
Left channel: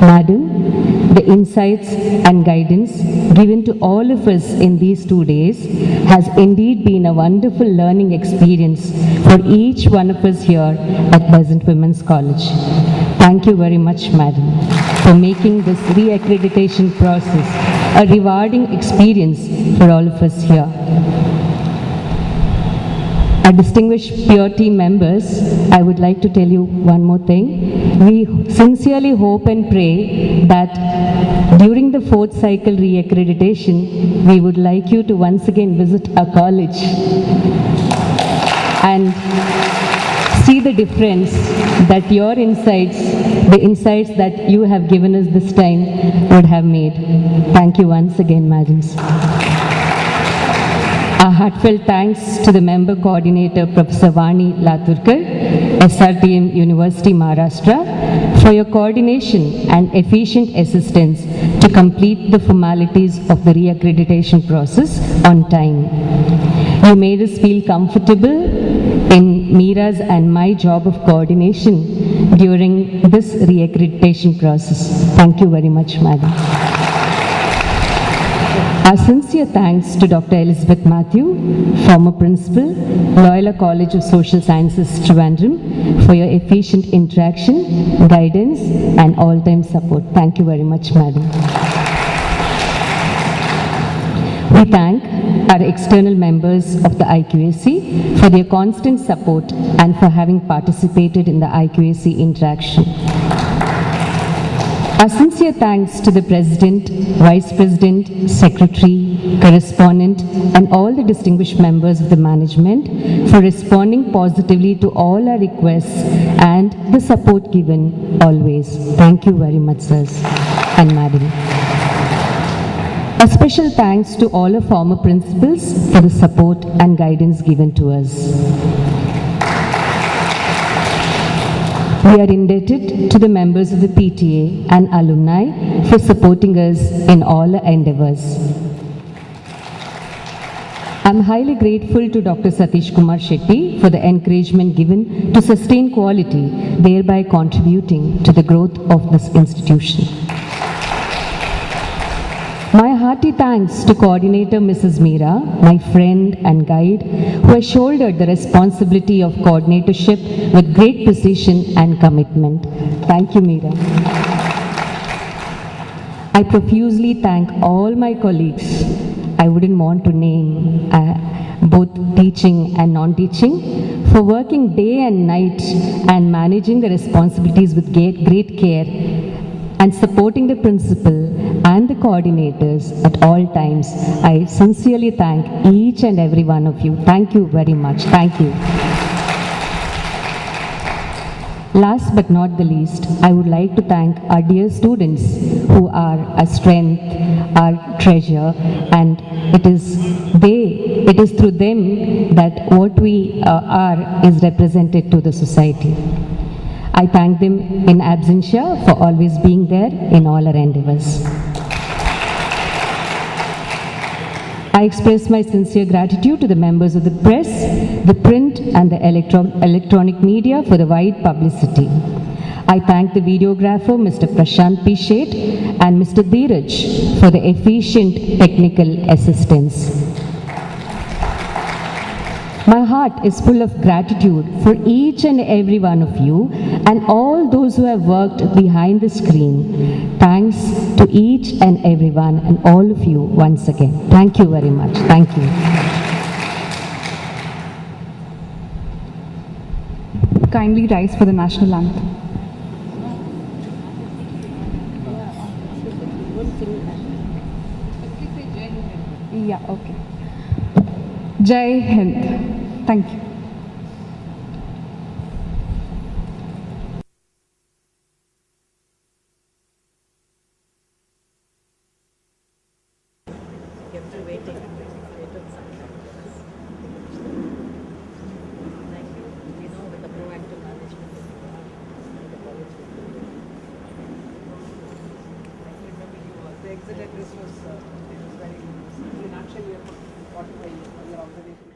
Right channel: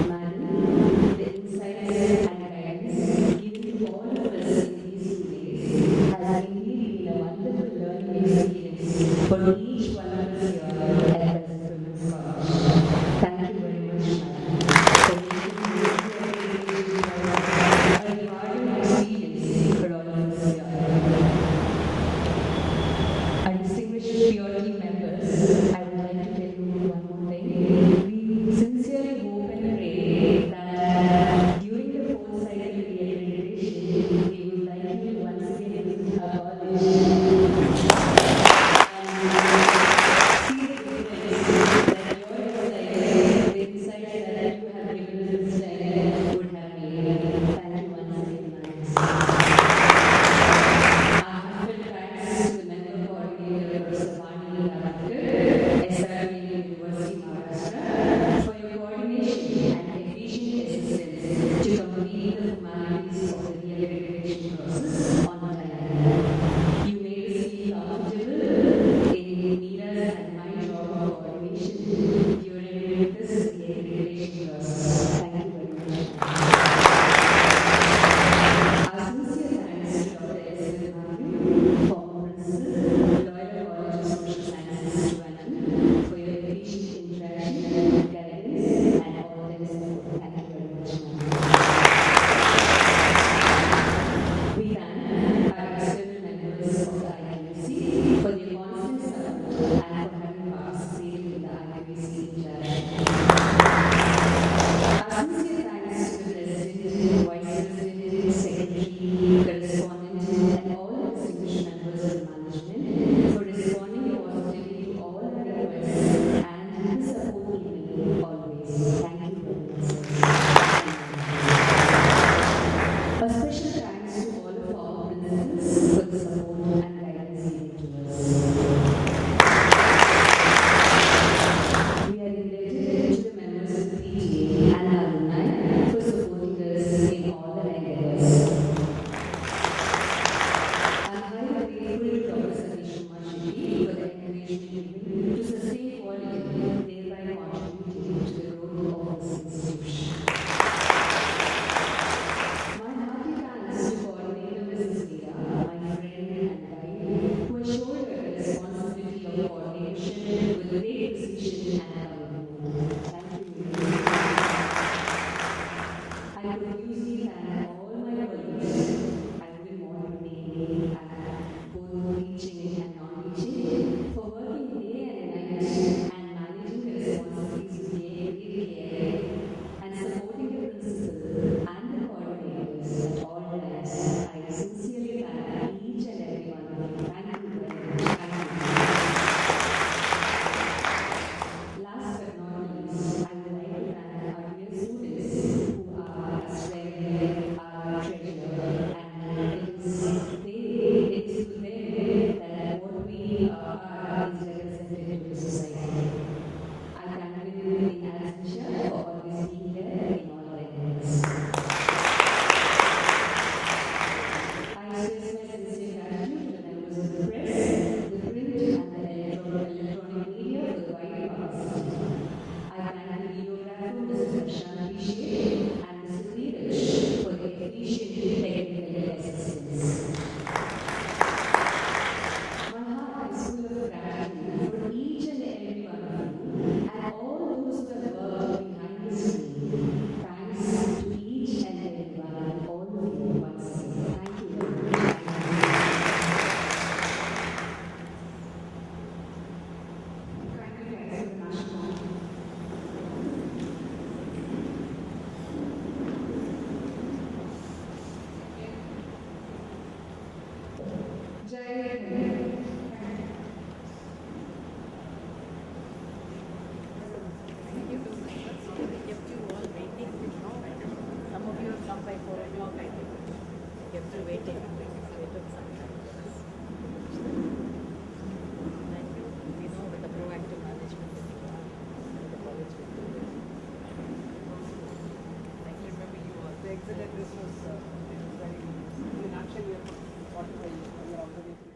Madam, the insights and guidance given to all of us in these 2 days has indeed been a wonderful learning experience for each one of us here at Pleasant Women's College. Thank you very much, Madam, for making this re-accreditation process a rewarding experience for all of us here. Our distinguished peer team members, I would like to tell you one more thing. We sincerely hope and pray that during the 4th cycle re-accreditation, we would like you to once again visit our college and see the difference that your insights, the insights that you have given us this time would have made. Thank you once again, madams. Our heartfelt thanks to the member coordinator, Professor Vani Laturkar, SRTM University, Maharashtra, for your coordination and efficient assistance to complete the formalities of the re-accreditation process on time. You made us feel comfortable in Meera's and my job of coordination during this re-accreditation process. Thank you very much, madam. Our sincere thanks to Dr. Elizabeth Matthew, former principal, Loyola College of Social Sciences, Trivandrum, for your efficient interaction, guidance, and all-time support. Thank you very much, madam. We thank our external members of the IQAC for their constant support and for having participated in the IQAC interaction. Our sincere thanks to the President, Vice President, Secretary, Correspondent, and all the distinguished members of the management for responding positively to all our requests and the support given always. Thank you very much, sirs and madam. A special thanks to all our former principals for the support and guidance given to us. We are indebted to the members of the PTA and alumni for supporting us in all our endeavors. I'm highly grateful to Dr. Satish Kumar Shetty for the encouragement given to sustain quality, thereby contributing to the growth of this institution. My hearty thanks to Coordinator Mrs. Meera, my friend and guide, who has shouldered the responsibility of coordinatorship with great precision and commitment. Thank you, Meera. I profusely thank all my colleagues. I wouldn't want to name both teaching and non-teaching, for working day and night and managing the responsibilities with great care and supporting the principal and the coordinators at all times. I sincerely thank each and every one of you. Thank you very much. Thank you. Last but not the least, I would like to thank our dear students who are our strength, our treasure, and it is through them that what we are is represented to the society. I thank them in absentia for always being there in all our endeavors. I express my sincere gratitude to the members of the press, the print and the electronic media for the wide publicity. I thank the videographer, Mr. Prashant P. Sheth, and Mr. Dheeraj for the efficient technical assistance. My heart is full of gratitude for each and every one of you and all those who have worked behind the screen. Thanks to each and everyone and all of you once again. Thank you very much. Thank you. Kindly rise for the national anthem. Yeah, okay. Jai Hind. Thank you. Kept you waiting. They took some time for us. Thank you. We know with the proactive management that you are, the college will do it. I can remember you all. The exit address was very good. In actually, 45 years, your observation.